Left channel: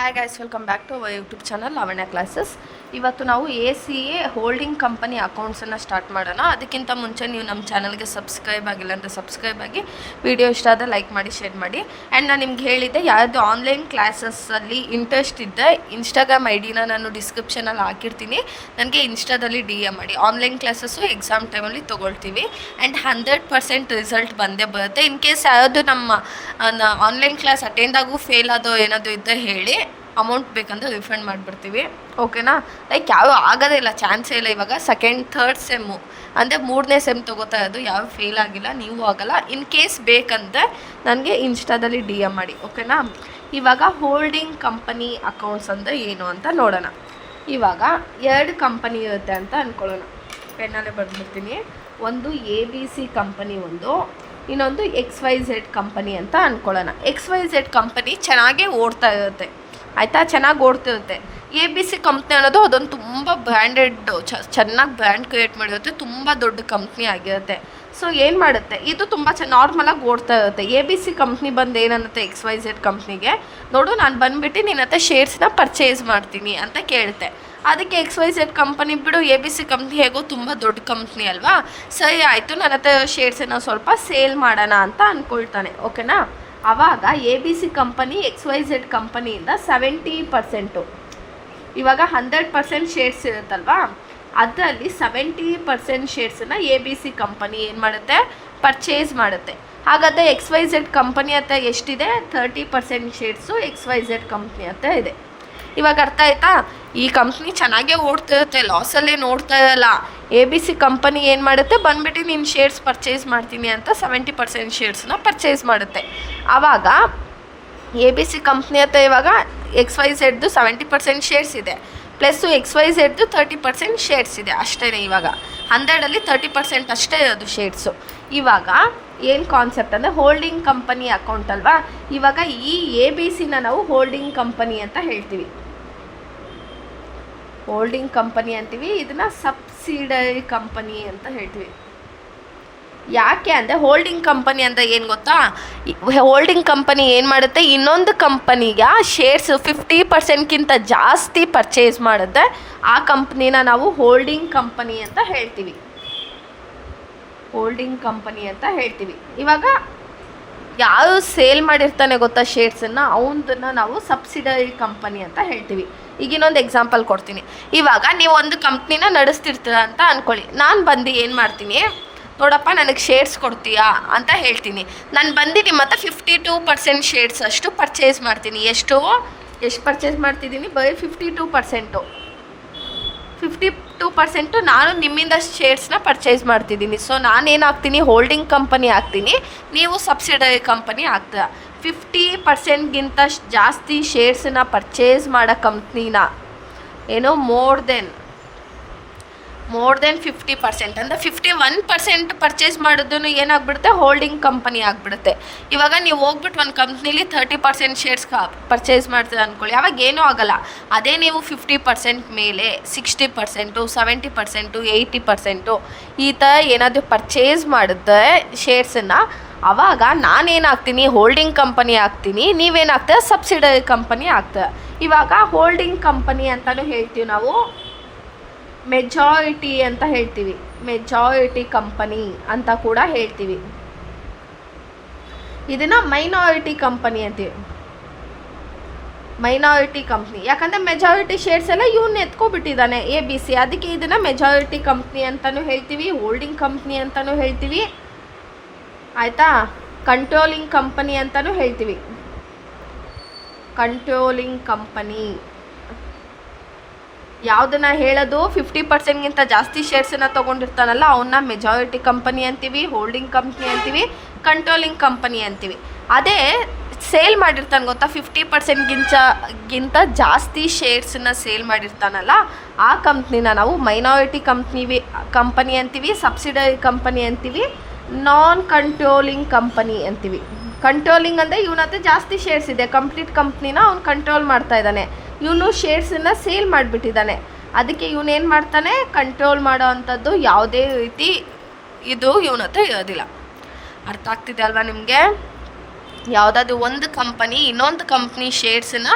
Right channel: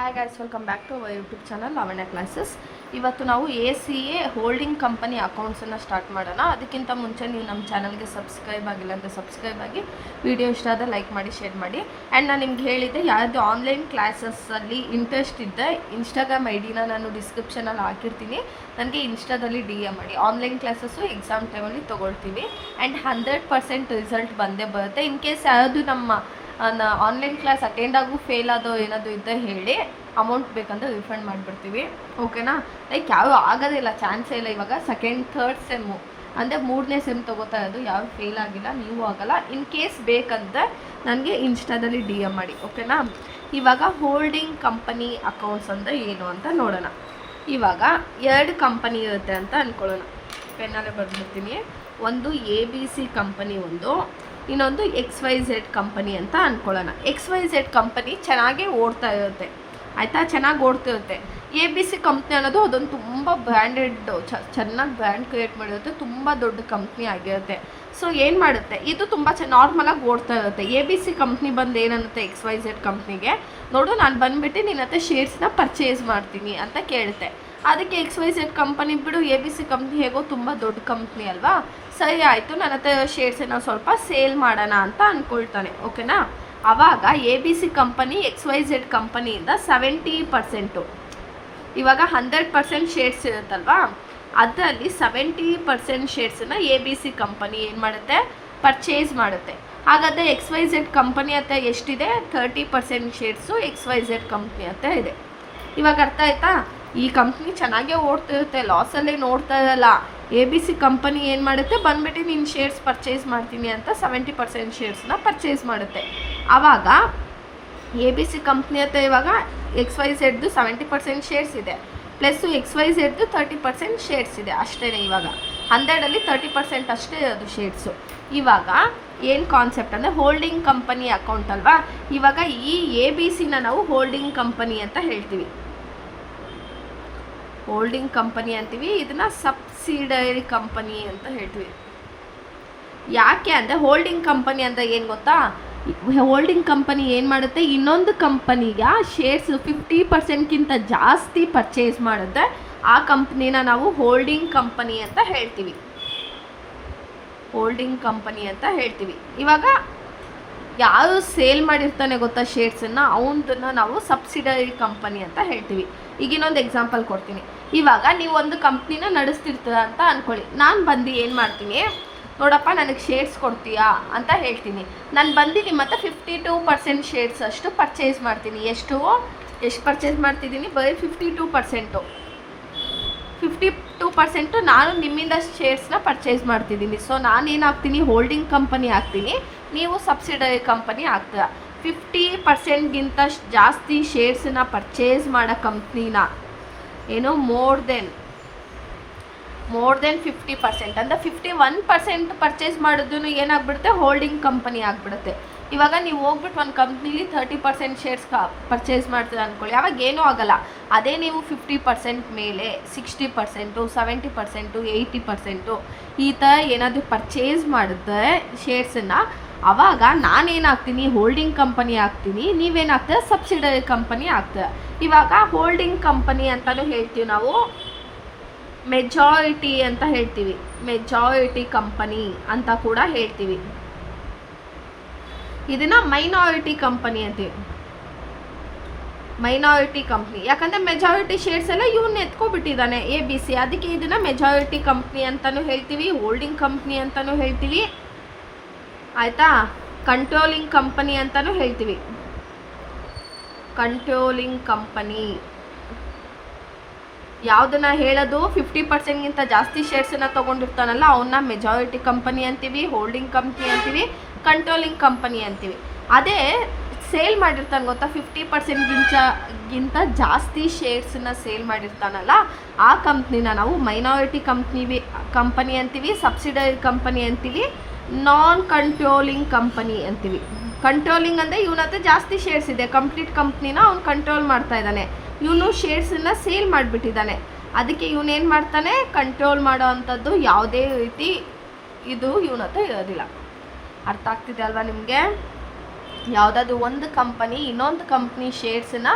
Hi guys, welcome back to our YouTube channel Lavanya classes. ಇವತ್ತು ನಾವು ACA holding company ಅಕೌಂಟ್ಸನ್ನು start ಮಾಡೋಣ. ಅದಕ್ಕಿಂತ ಮುಂಚೆ ನೀವು ನಮ್ಮ ಚಾನಲ್ಗೆ ಸಬ್ಸ್ಕ್ರೈಬ್ ಆಗಿಲ್ಲ ಅಂದರೆ ಸಬ್ಸ್ಕ್ರೈಬ್ ಆಗಿ, ವಿಡಿಯೋ ಇಷ್ಟ ಆದರೆ ಲೈಕ್ ಮಾಡಿ, ಶೇರ್ ಮಾಡಿ. ಆ್ಯಂಡ್ ನಾನು ನಿಮ್ಗೆ ಹೇಳಿದ್ದೆ, ಯಾವುದು ಆನ್ಲೈನ್ ಕ್ಲಾಸಸ್ಸಲ್ಲಿ ಇಂಟ್ರೆಸ್ಟ್ ಇದ್ದೆ ಇನ್ಸ್ಟಾಗ್ರಾಮ್ ಐಡಿನ ನಾನು ಡಿಸ್ಕ್ರಿಪ್ಷನಲ್ಲಿ ಹಾಕಿರ್ತೀನಿ. ನನಗೆ ಇನ್ಸ್ಟಾದಲ್ಲಿ DM ಮಾಡಿ. ಆನ್ಲೈನ್ ಕ್ಲಾಸಸ್ಸು ಎಕ್ಸಾಮ್ ಟೈಮಲ್ಲಿ ತೊಗೊಳ್ತೀವಿ ಆ್ಯಂಡ್ 100% ರಿಸಲ್ಟ್ ಬಂದೇ ಬರುತ್ತೆ. ಇನ್ ಕೇಸ್ ಯಾವುದು ನಮ್ಮ ಆನ್ಲೈನ್ ಕ್ಲಾಸ್ ಅಟೆಂಡ್ ಆಗು ಫೇಲ್ ಆದೋ ಏನಾದರೂ ಇದ್ದರೆ ಹೇಳಿ, ಅಮೌಂಟ್ ಬೇಕಂದ್ರೆ ರಿಫಂಡ್ ಮಾಡಿಬಿಡ್ತೀವಿ. ಓಕೆನಾ? ಲೈಕ್ ಯಾವ ಆಗೋದೇ ಇಲ್ಲ, ಚಾನ್ಸೇ ಇಲ್ಲ. ಇವಾಗ ಸೆಕೆಂಡ್ ಥರ್ಡ್ ಸೆಮ್ಮು ಅಂದರೆ 3ನೇ ಸೆಮ್ ತೊಗೋತಾ ಇರೋದು, ಯಾವ ಫೇಲ್ ಆಗಿಲ್ಲ, ನೀವು ಆಗಲ್ಲ. ಇನ್ ಕೇಸ್ ಬೇಕಂದರೆ ನನಗೆ ಇನ್ಸ್ಟಾದಲ್ಲಿ DM ಮಾಡಿ. ಓಕೆನಾ? ಇವಾಗ ಹೋಲ್ಡಿಂಗ್ ಕಂಪನಿ ಅಕೌಂಟ್ಸ್ ಅಂದರೆ ಏನು ಅಂತ ನೋಡೋಣ. ಇವಾಗ 2 ಕಂಪನಿ ಇರುತ್ತೆ ಅಂತ ಅಂದ್ಕೊಳ್ಳೋಣ. ಪೆನ್ನಲ್ಲೇ ಬರ್ಬಿಡ್ತೀನಿ. ಒಂದು ABC ಕಂಪನಿ, ಇನ್ನೊಂದು XYZ ಕಂಪನಿ ಅಂತ ಅಂದ್ಕೊಳ್ಳೋಣ. XYZ ಕಂಪನಿ ಚೆನ್ನಾಗೇ ಓಡ್ತಾ ಇರುತ್ತೆ, ಆಯಿತಾ? ಚೆನ್ನಾಗಿ ಓಡ್ತಿರುತ್ತೆ. ABC ಕಂಪ್ನಿ ಅನ್ನೋದು ಅದೊಂದು ತುಂಬ ಬ್ರ್ಯಾಂಡೆಡ್, ಚೆನ್ನಾಗಿ ಬ್ರ್ಯಾಂಡ್ ಕ್ರಿಯೇಟ್ ಮಾಡಿರುತ್ತೆ, ತುಂಬ ದೊಡ್ಡ ಕಂಪ್ನಿ ಆಗಿರುತ್ತೆ. ಸೊ ಏನು ಮಾಡುತ್ತೆ, ಇದು ತುಂಬ ನಾರ್ಮಲಾಗಿ ಓಡ್ತಾ ಇರುತ್ತೆ. ABC ಕಂಪ್ನಿ ಬಂದು ಏನನ್ನುತ್ತೆ XYZ ಕಂಪ್ನಿಗೆ, ನೋಡು ನಾನು ಬಂದುಬಿಟ್ಟು ನಿನ್ನ ಹತ್ರ ಶೇರ್ಸ್ನ ಪರ್ಚೇಸ್ ಮಾಡ್ತೀನಿ ಅಂತ ಕೇಳುತ್ತೆ. ಅದಕ್ಕೆ XYZ ಕಂಪನಿ ಬಿಡು, ABC ಕಂಪ್ನಿ ಹೇಗೋ ತುಂಬ ದೊಡ್ಡ ಕಂಪ್ನಿ ಅಲ್ವಾ, ಸರಿ ಆಯಿತು, ನನ್ನ ಹತ್ರ ಶೇರ್ಸನ್ನು ಸ್ವಲ್ಪ ಸೇಲ್ ಮಾಡೋಣ ಅಂತ ಅಂದ್ಕೊಳ್ತಾನೆ. ಓಕೆನಾ? ಆವಾಗ ABC ಕಂಪನಿ XYZ ಕಂಪನಿಯಿಂದ 70%, ಇವಾಗ 100% ಶೇರ್ಸ್ ಇರುತ್ತಲ್ವಾ, ಅದರಲ್ಲಿ 70% ಶೇರ್ಸನ್ನು ABC ಕಂಪನಿ ಏನು ಮಾಡುತ್ತೆ, ಪರ್ಚೇಸ್ ಮಾಡುತ್ತೆ. ಹಾಗಾದರೆ XYZ ಕಂಪನಿ ಹತ್ರ ಎಷ್ಟಿದೆ? 30% ಶೇರ್ಸು XYZ ಕಂಪ್ನಿ ಹತ್ರ ಇದೆ. ಇವಾಗ ಅರ್ಥ ಆಯ್ತಾ? ಈ ಕಂಪ್ನಿ ಚೆನ್ನಾಗೇ ಓಡ್ತಿರುತ್ತೆ, ಲಾಸಲ್ಲೇ ನೋಡ್ತಾ ಇರಲ್ಲ. ABC ಕಂಪನಿ ಏನು ಮಾಡುತ್ತೆ, ಬಂದುಬಿಟ್ಟು ನೀನು ಶೇರ್ಸ್ ಪರ್ಚೇಸ್ ಮಾಡ್ತೀನಿ ಅಂತ 70% ಶೇರ್ಸ್ನ ಪರ್ಚೇಸ್ ಮಾಡುತ್ತೆ. ಆವಾಗ ABC ಕಂಪ್ನಿ ಹತ್ರ ಇವಾಗ XYZದು 70% ಶೇರ್ಸ್ ಇದೆ, ಪ್ಲಸ್ಸು XYZದು 30% ಶೇರ್ಸ್ ಇದೆ. ಅಷ್ಟೇ, ಇವಾಗ 100ಅಲ್ಲಿ 30% ಅಷ್ಟೇ ಇರೋದು ಶೇರ್ಸು. ಇವಾಗ ಏನು ಕಾನ್ಸೆಪ್ಟ್ ಅಂದರೆ ಹೋಲ್ಡಿಂಗ್ ಕಂಪನಿ ಅಕೌಂಟ್ ಅಲ್ವಾ. ಇವಾಗ ಈ ABCನ ನಾವು ಹೋಲ್ಡಿಂಗ್ ಕಂಪನಿ ಅಂತ ಹೇಳ್ತೀವಿ, ಹೋಲ್ಡಿಂಗ್ ಕಂಪನಿ ಅಂತೀವಿ. ಇದನ್ನು ಸಬ್ಸಿಡರಿ ಕಂಪನಿ ಅಂತ ಹೇಳ್ತೀವಿ. ಯಾಕೆ ಅಂದರೆ ಹೋಲ್ಡಿಂಗ್ ಕಂಪನಿ ಅಂತ ಏನು ಗೊತ್ತಾ, ಹೋಲ್ಡಿಂಗ್ ಕಂಪನಿ ಏನು ಮಾಡುತ್ತೆ, ಇನ್ನೊಂದು ಕಂಪನಿಗೆ ಶೇರ್ಸ್ 50%ಗಿಂತ ಜಾಸ್ತಿ ಪರ್ಚೇಸ್ ಮಾಡುತ್ತೆ. ಆ ಕಂಪ್ನಿನ ನಾವು ಹೋಲ್ಡಿಂಗ್ ಕಂಪನಿ ಅಂತ ಹೇಳ್ತೀವಿ, ಹೋಲ್ಡಿಂಗ್ ಕಂಪನಿ ಅಂತ ಹೇಳ್ತೀವಿ. ಇವಾಗ ಯಾರು ಸೇಲ್ ಮಾಡಿರ್ತಾನೆ ಗೊತ್ತಾ ಶೇರ್ಸನ್ನು, ಅವನದನ್ನು ನಾವು ಸಬ್ಸಿಡರಿ ಕಂಪನಿ ಅಂತ ಹೇಳ್ತೀವಿ. ಈಗ ಇನ್ನೊಂದು ಎಕ್ಸಾಂಪಲ್ ಕೊಡ್ತೀನಿ. ಇವಾಗ ನೀವು ಒಂದು ಕಂಪ್ನಿನ ನಡೆಸ್ತಿರ್ತೀರ ಅಂತ ಅಂದ್ಕೊಳ್ಳಿ. ನಾನು ಬಂದು ಏನು ಮಾಡ್ತೀನಿ, ನೋಡಪ್ಪ ನನಗೆ ಶೇರ್ಸ್ ಕೊಡ್ತೀಯಾ ಅಂತ ಹೇಳ್ತೀನಿ. ನಾನು ಬಂದು ನಿಮ್ಮ ಹತ್ರ 52% ಶೇರ್ಸ್ ಅಷ್ಟು ಪರ್ಚೇಸ್ ಮಾಡ್ತೀನಿ. ಎಷ್ಟು ಪರ್ಚೇಸ್ ಮಾಡ್ತಿದ್ದೀನಿ? ಬರೀ 52% ನಾನು ನಿಮ್ಮಿಂದ ಶೇರ್ಸ್ನ ಪರ್ಚೇಸ್ ಮಾಡ್ತಿದ್ದೀನಿ. ಸೊ ನಾನೇನಾಗ್ತೀನಿ, ಹೋಲ್ಡಿಂಗ್ ಕಂಪನಿ ಆಗ್ತೀನಿ, ನೀವು ಸಬ್ಸಿಡರಿ ಕಂಪನಿ ಆಗ್ತೀರ. 50%ಗಿಂತ ಜಾಸ್ತಿ ಶೇರ್ಸನ್ನ ಪರ್ಚೇಸ್ ಮಾಡೋ ಕಂಪ್ನಿನ ಏನೋ ಮೋರ್ ದೆನ್ 50% ಅಂದರೆ 51% ಪರ್ಚೇಸ್ ಮಾಡೋದನ್ನು ಏನಾಗ್ಬಿಡುತ್ತೆ, ಹೋಲ್ಡಿಂಗ್ ಕಂಪನಿ ಆಗಿಬಿಡುತ್ತೆ. ಇವಾಗ ನೀವು ಹೋಗ್ಬಿಟ್ಟು ಒಂದು ಕಂಪ್ನಿಲಿ 30% ಶೇರ್ಸ್ ಪರ್ಚೇಸ್ ಮಾಡ್ತೀರ ಅಂದ್ಕೊಳ್ಳಿ, ಅವಾಗ ಏನೂ ಆಗೋಲ್ಲ. ಅದೇ ನೀವು 50% ಮೇಲೆ 60%, 70%, 80% ಈ ಥರ ಏನಾದರೂ ಪರ್ಚೇಸ್ ಮಾಡಿದ್ರೆ ಶೇರ್ಸನ್ನು, ಆವಾಗ ನಾನೇನಾಗ್ತೀನಿ, ಹೋಲ್ಡಿಂಗ್ ಕಂಪನಿ ಆಗ್ತೀನಿ, ನೀವೇನಾಗ್ತೀರ, ಸಬ್ಸಿಡರಿ ಕಂಪನಿ ಆಗ್ತೀರ. ಇವಾಗ ಹೋಲ್ಡಿಂಗ್ ಕಂಪನಿ ಅಂತಲೂ ಹೇಳ್ತೀವಿ ನಾವು, ಮೆಜಾರಿಟಿ ಅಂತ ಹೇಳ್ತೀವಿ, ಮೆಜಾರಿಟಿ ಕಂಪನಿ ಅಂತ ಕೂಡ ಹೇಳ್ತೀವಿ. ಇದನ್ನು ಮೈನಾರಿಟಿ ಕಂಪನಿ ಅಂತೀವಿ, ಮೈನಾರಿಟಿ ಕಂಪ್ನಿ. ಯಾಕಂದರೆ ಮೆಜಾರಿಟಿ ಶೇರ್ಸ್ ಎಲ್ಲ ಇವನ್ನ ಎತ್ಕೊಬಿಟ್ಟಿದ್ದಾನೆ ABC, ಅದಕ್ಕೆ ಇದನ್ನು ಮೆಜಾರಿಟಿ ಕಂಪ್ನಿ ಅಂತಲೂ ಹೇಳ್ತೀವಿ, ಹೋಲ್ಡಿಂಗ್ ಕಂಪ್ನಿ ಅಂತಲೂ ಹೇಳ್ತೀವಿ, ಆಯಿತಾ? ಕಂಟ್ರೋಲಿಂಗ್ ಕಂಪನಿ ಅಂತಲೂ ಹೇಳ್ತೀವಿ, ಕಂಟ್ರೋಲಿಂಗ್ ಕಂಪನಿ. ಯಾವುದನ್ನು ಹೇಳೋದು, 50%ಗಿಂತ ಜಾಸ್ತಿ ಶೇರ್ಸನ್ನು ತೊಗೊಂಡಿರ್ತಾನಲ್ಲ ಅವನ್ನ ಮೆಜಾರಿಟಿ ಕಂಪನಿ ಅಂತೀವಿ, ಹೋಲ್ಡಿಂಗ್ ಕಂಪ್ನಿ ಅಂತೀವಿ, ಕಂಟ್ರೋಲಿಂಗ್ ಕಂಪನಿ ಅಂತೀವಿ. ಅದೇ ಸೇಲ್ ಮಾಡಿರ್ತಾನೆ ಗೊತ್ತಾ, 50%ಗಿಂತ ಜಾಸ್ತಿ ಶೇರ್ಸನ್ನು ಸೇಲ್ ಮಾಡಿರ್ತಾನಲ್ಲ, ಆ ಕಂಪ್ನಿನ ನಾವು ಮೈನಾರಿಟಿ ಕಂಪನಿ ಅಂತೀವಿ, ಸಬ್ಸಿಡರಿ ಕಂಪನಿ ಅಂತೀವಿ, ನಾನ್ ಕಂಟ್ರೋಲಿಂಗ್ ಕಂಪನಿ ಅಂತೀವಿ. ಕಂಟ್ರೋಲಿಂಗ್ ಅಂದರೆ ಇವನ ಹತ್ರ ಜಾಸ್ತಿ ಶೇರ್ಸ್ ಇದೆ, ಕಂಪ್ಲೀಟ್ ಕಂಪ್ನಿನ ಅವ್ನು ಕಂಟ್ರೋಲ್ ಮಾಡ್ತಾ ಇದ್ದಾನೆ, ಇವನು ಶೇರ್ಸನ್ನು ಸೇಲ್ ಮಾಡಿಬಿಟ್ಟಿದ್ದಾನೆ. ಅದಕ್ಕೆ ಇವನೇನು ಮಾಡ್ತಾನೆ, ಕಂಟ್ರೋಲ್ ಮಾಡೋ ಅಂಥದ್ದು ಯಾವುದೇ ರೀತಿ ಇದು ಇವನ ಹತ್ರ ಇರೋದಿಲ್ಲ. ಅರ್ಥ ಆಗ್ತಿದೆ ಅಲ್ವಾ ನಿಮಗೆ? ಯಾವುದಾದ್ರು ಒಂದು ಕಂಪನಿ ಇನ್ನೊಂದು ಕಂಪ್ನಿ ಶೇರ್ಸನ್ನ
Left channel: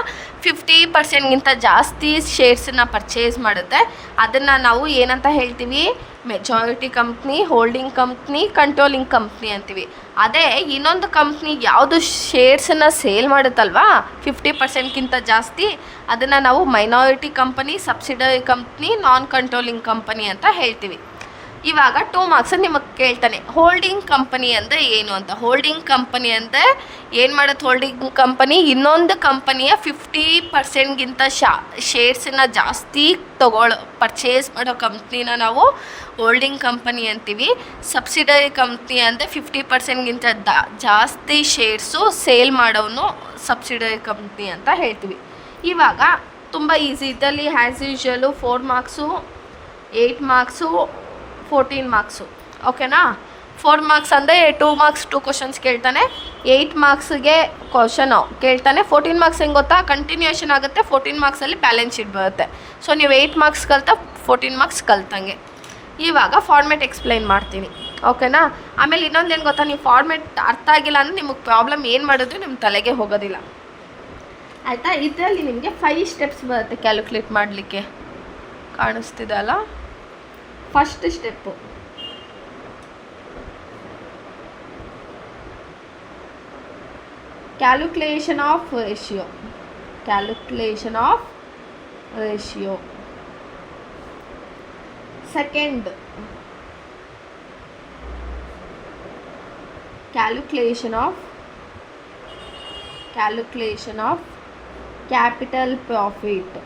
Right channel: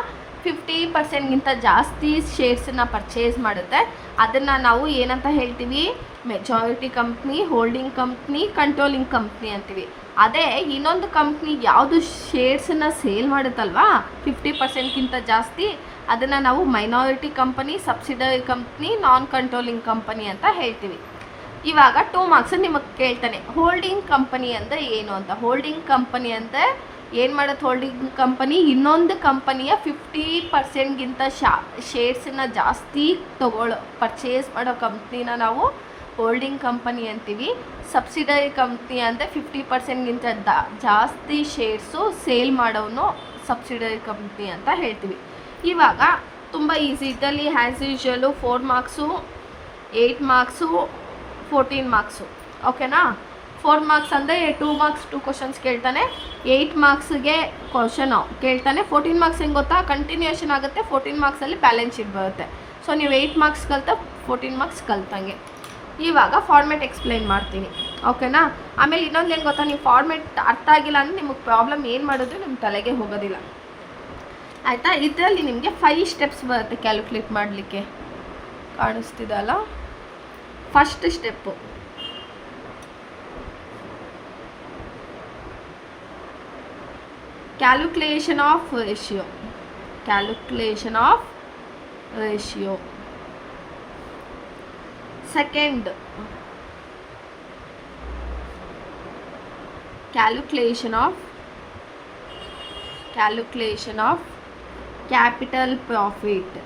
50% ಜಾಸ್ತಿ ಶೇರ್ಸನ್ನ ಪರ್ಚೇಸ್ ಮಾಡುತ್ತೆ, ಅದನ್ನು ನಾವು ಏನಂತ ಹೇಳ್ತೀವಿ? Majority company, holding company, controlling company ಅಂತೀವಿ. ಅದೇ ಇನ್ನೊಂದು ಕಂಪ್ನಿ ಯಾವುದು ಶೇರ್ಸನ್ನು ಸೇಲ್ ಮಾಡುತ್ತಲ್ವಾ 50%ಗಿಂತ ಜಾಸ್ತಿ, ಅದನ್ನು ನಾವು ಮೈನಾರಿಟಿ ಕಂಪನಿ, ಸಬ್ಸಿಡರಿ ಕಂಪ್ನಿ, ನಾನ್ ಕಂಟ್ರೋಲಿಂಗ್ ಕಂಪನಿ ಅಂತ ಹೇಳ್ತೀವಿ. ಇವಾಗ 2 ಮಾರ್ಕ್ಸ್ ನಿಮಗೆ ಕೇಳ್ತಾನೆ, ಹೋಲ್ಡಿಂಗ್ ಕಂಪನಿ ಅಂದರೆ ಏನು ಅಂತ. ಹೋಲ್ಡಿಂಗ್ ಕಂಪನಿ ಅಂದರೆ ಏನು ಮಾಡುತ್ತೆ? ಹೋಲ್ಡಿಂಗ್ ಕಂಪನಿ ಇನ್ನೊಂದು ಕಂಪನಿಯ 50%ಗಿಂತ ಶೇರ್ಸನ್ನ ಜಾಸ್ತಿ ಪರ್ಚೇಸ್ ಮಾಡೋ ಕಂಪ್ನಿನ ನಾವು ಹೋಲ್ಡಿಂಗ್ ಕಂಪನಿ ಅಂತೀವಿ. ಸಬ್ಸಿಡರಿ ಕಂಪ್ನಿ ಅಂದರೆ 50%ಗಿಂತ ಜಾಸ್ತಿ ಶೇರ್ಸು ಸೇಲ್ ಮಾಡೋನು ಸಬ್ಸಿಡರಿ ಕಂಪ್ನಿ ಅಂತ ಹೇಳ್ತೀವಿ. ಇವಾಗ ತುಂಬ ಈಸಿ, ಇದರಲ್ಲಿ ಆ್ಯಸ್ ಯೂಶ್ವಲು 4 ಮಾರ್ಕ್ಸು, 8 ಮಾರ್ಕ್ಸು, 14 ಮಾರ್ಕ್ಸು. ಓಕೆನಾ? 4 ಮಾರ್ಕ್ಸ್ ಅಂದರೆ 2 ಮಾರ್ಕ್ಸ್ 2 ಕ್ವಶನ್ಸ್ ಕೇಳ್ತಾನೆ, 8 ಮಾರ್ಕ್ಸ್ಗೆ ಕ್ವಶನು ಕೇಳ್ತಾನೆ. 14 ಮಾರ್ಕ್ಸ್ ಹೆಂಗೆ ಗೊತ್ತಾ? ಕಂಟಿನ್ಯೂಷನ್ ಆಗುತ್ತೆ. 14 ಮಾರ್ಕ್ಸಲ್ಲಿ ಬ್ಯಾಲೆನ್ಸ್ ಶೀಟ್ ಬರುತ್ತೆ. ಸೊ ನೀವು 8 ಮಾರ್ಕ್ಸ್ ಕಲ್ತಾ 14 ಮಾರ್ಕ್ಸ್ ಕಲ್ತಂಗೆ. ಇವಾಗ ಫಾರ್ಮೆಟ್ ಎಕ್ಸ್ಪ್ಲೈನ್ ಮಾಡ್ತೀನಿ, ಓಕೆನಾ? ಆಮೇಲೆ ಇನ್ನೊಂದು ಏನು ಗೊತ್ತಾ, ನೀವು ಫಾರ್ಮೆಟ್ ಅರ್ಥ ಆಗಿಲ್ಲ ಅಂದರೆ ನಿಮಗೆ ಪ್ರಾಬ್ಲಮ್ ಏನು ಮಾಡಿದ್ರು ನಿಮ್ಮ ತಲೆಗೆ ಹೋಗೋದಿಲ್ಲ, ಆಯಿತಾ? ಇದರಲ್ಲಿ ನಿಮಗೆ 5 ಸ್ಟೆಪ್ಸ್ ಬರುತ್ತೆ ಕ್ಯಾಲ್ಕುಲೇಟ್ ಮಾಡಲಿಕ್ಕೆ. ಕಾಣಿಸ್ತಿದೆ ಅಲ್ಲ? First step calculation of ratio. Calculation of ratio. Second, calculation of capital profit.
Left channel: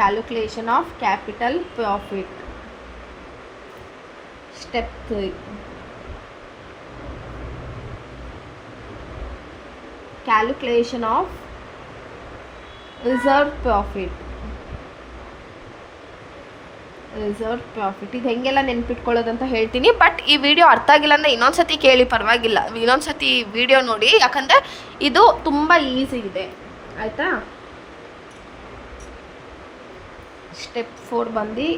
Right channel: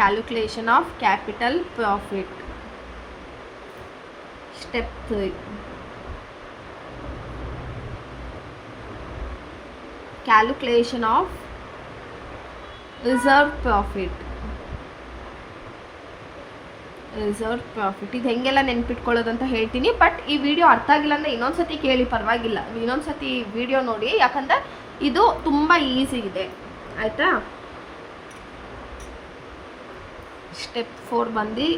Calculation of capital profit. Step 3, calculation of reserve profit. ಇದು ಹೆಂಗೆಲ್ಲ ನೆನ್ಪಿಟ್ಕೊಳ್ಳೋದಂತ ಹೇಳ್ತೀನಿ, ಬಟ್ ಈ ವಿಡಿಯೋ ಅರ್ಥ ಆಗಿಲ್ಲ ಅಂದರೆ ಇನ್ನೊಂದ್ಸತಿ ಕೇಳಿ, ಪರವಾಗಿಲ್ಲ, ಇನ್ನೊಂದ್ಸತಿ ವಿಡಿಯೋ ನೋಡಿ, ಯಾಕಂದರೆ ಇದು ತುಂಬ ಈಸಿ ಇದೆ, ಆಯಿತಾ? ಸ್ಟೆಪ್ 4 ಬಂದು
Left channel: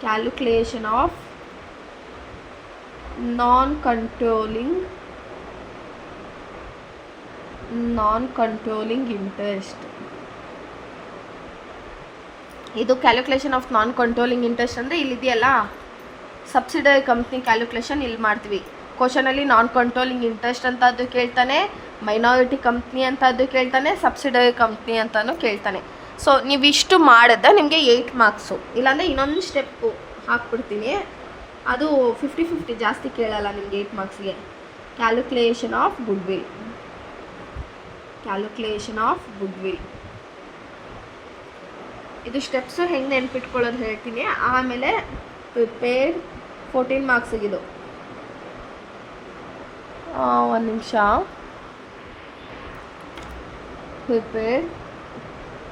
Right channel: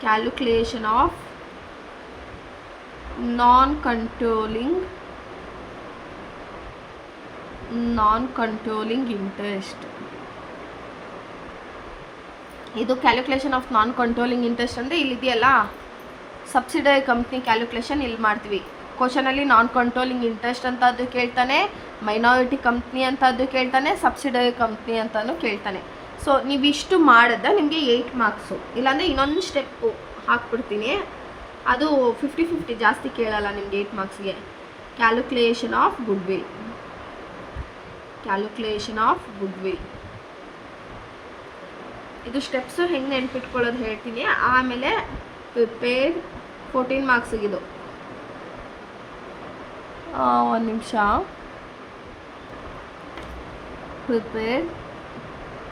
calculation of non-controlling interest. ಇದು calculation of non controlling interest ಅಂದರೆ ಇಲ್ಲಿದೆಯಲ್ಲ ಸಬ್ಸಿಡರಿ ಕಂಪ್ನಿ ಕ್ಯಾಲ್ಕುಲೇಷನ್ ಇಲ್ಲಿ ಮಾಡ್ತೀವಿ. ಕ್ವಶನಲ್ಲಿ ನಾನ್ ಕಂಟ್ರೋಲಿಂಗ್ ಇಂಟ್ರೆಸ್ಟ್ ಅಂತ ಅದು ಕೇಳ್ತಾನೆ, ಮೈನಾರಿಟಿ ಕಂಪ್ನಿ ಅಂತ ಅದು ಕೇಳ್ತಾನೆ, ಸಬ್ಸಿಡರಿ ಕಂಪ್ನಿ ಅಂತಲೂ ಕೇಳ್ತಾನೆ. ಸೊ ನೀವಿಷ್ಟು ಮಾಡಿದ್ರೆ ನಿಮಗೆ 8 ಮಾರ್ಕ್ಸು. ಇಲ್ಲಾಂದರೆ ಇನ್ನೊಂದು ಸ್ಟೆಪ್ಪು ಹಾಕ್ಬಿಡ್ತೀನಿ, ಅದು 50-50 ಜಾಸ್ತಿ ಕೇಳಲ್ಲ ನಿಮಗೆ 8 ಮಾರ್ಕ್ಸ್ಗೆ. Calculation of goodwill. ಇದು ಸ್ಟೆಪ್ಸು ಹೆಂಗೆ ನೆನ್ಪಿಟ್ಕೊಳ್ಳೋದು ಹೇಳ್ತೀನಿ. ಆಮೇಲೆ ಪ್ರಿಪೇರ್ಡ್ 14 ಮಾರ್ಕ್ಸಿಗಿದು. ಒಂದು ನಿಮಿಷ. Prepared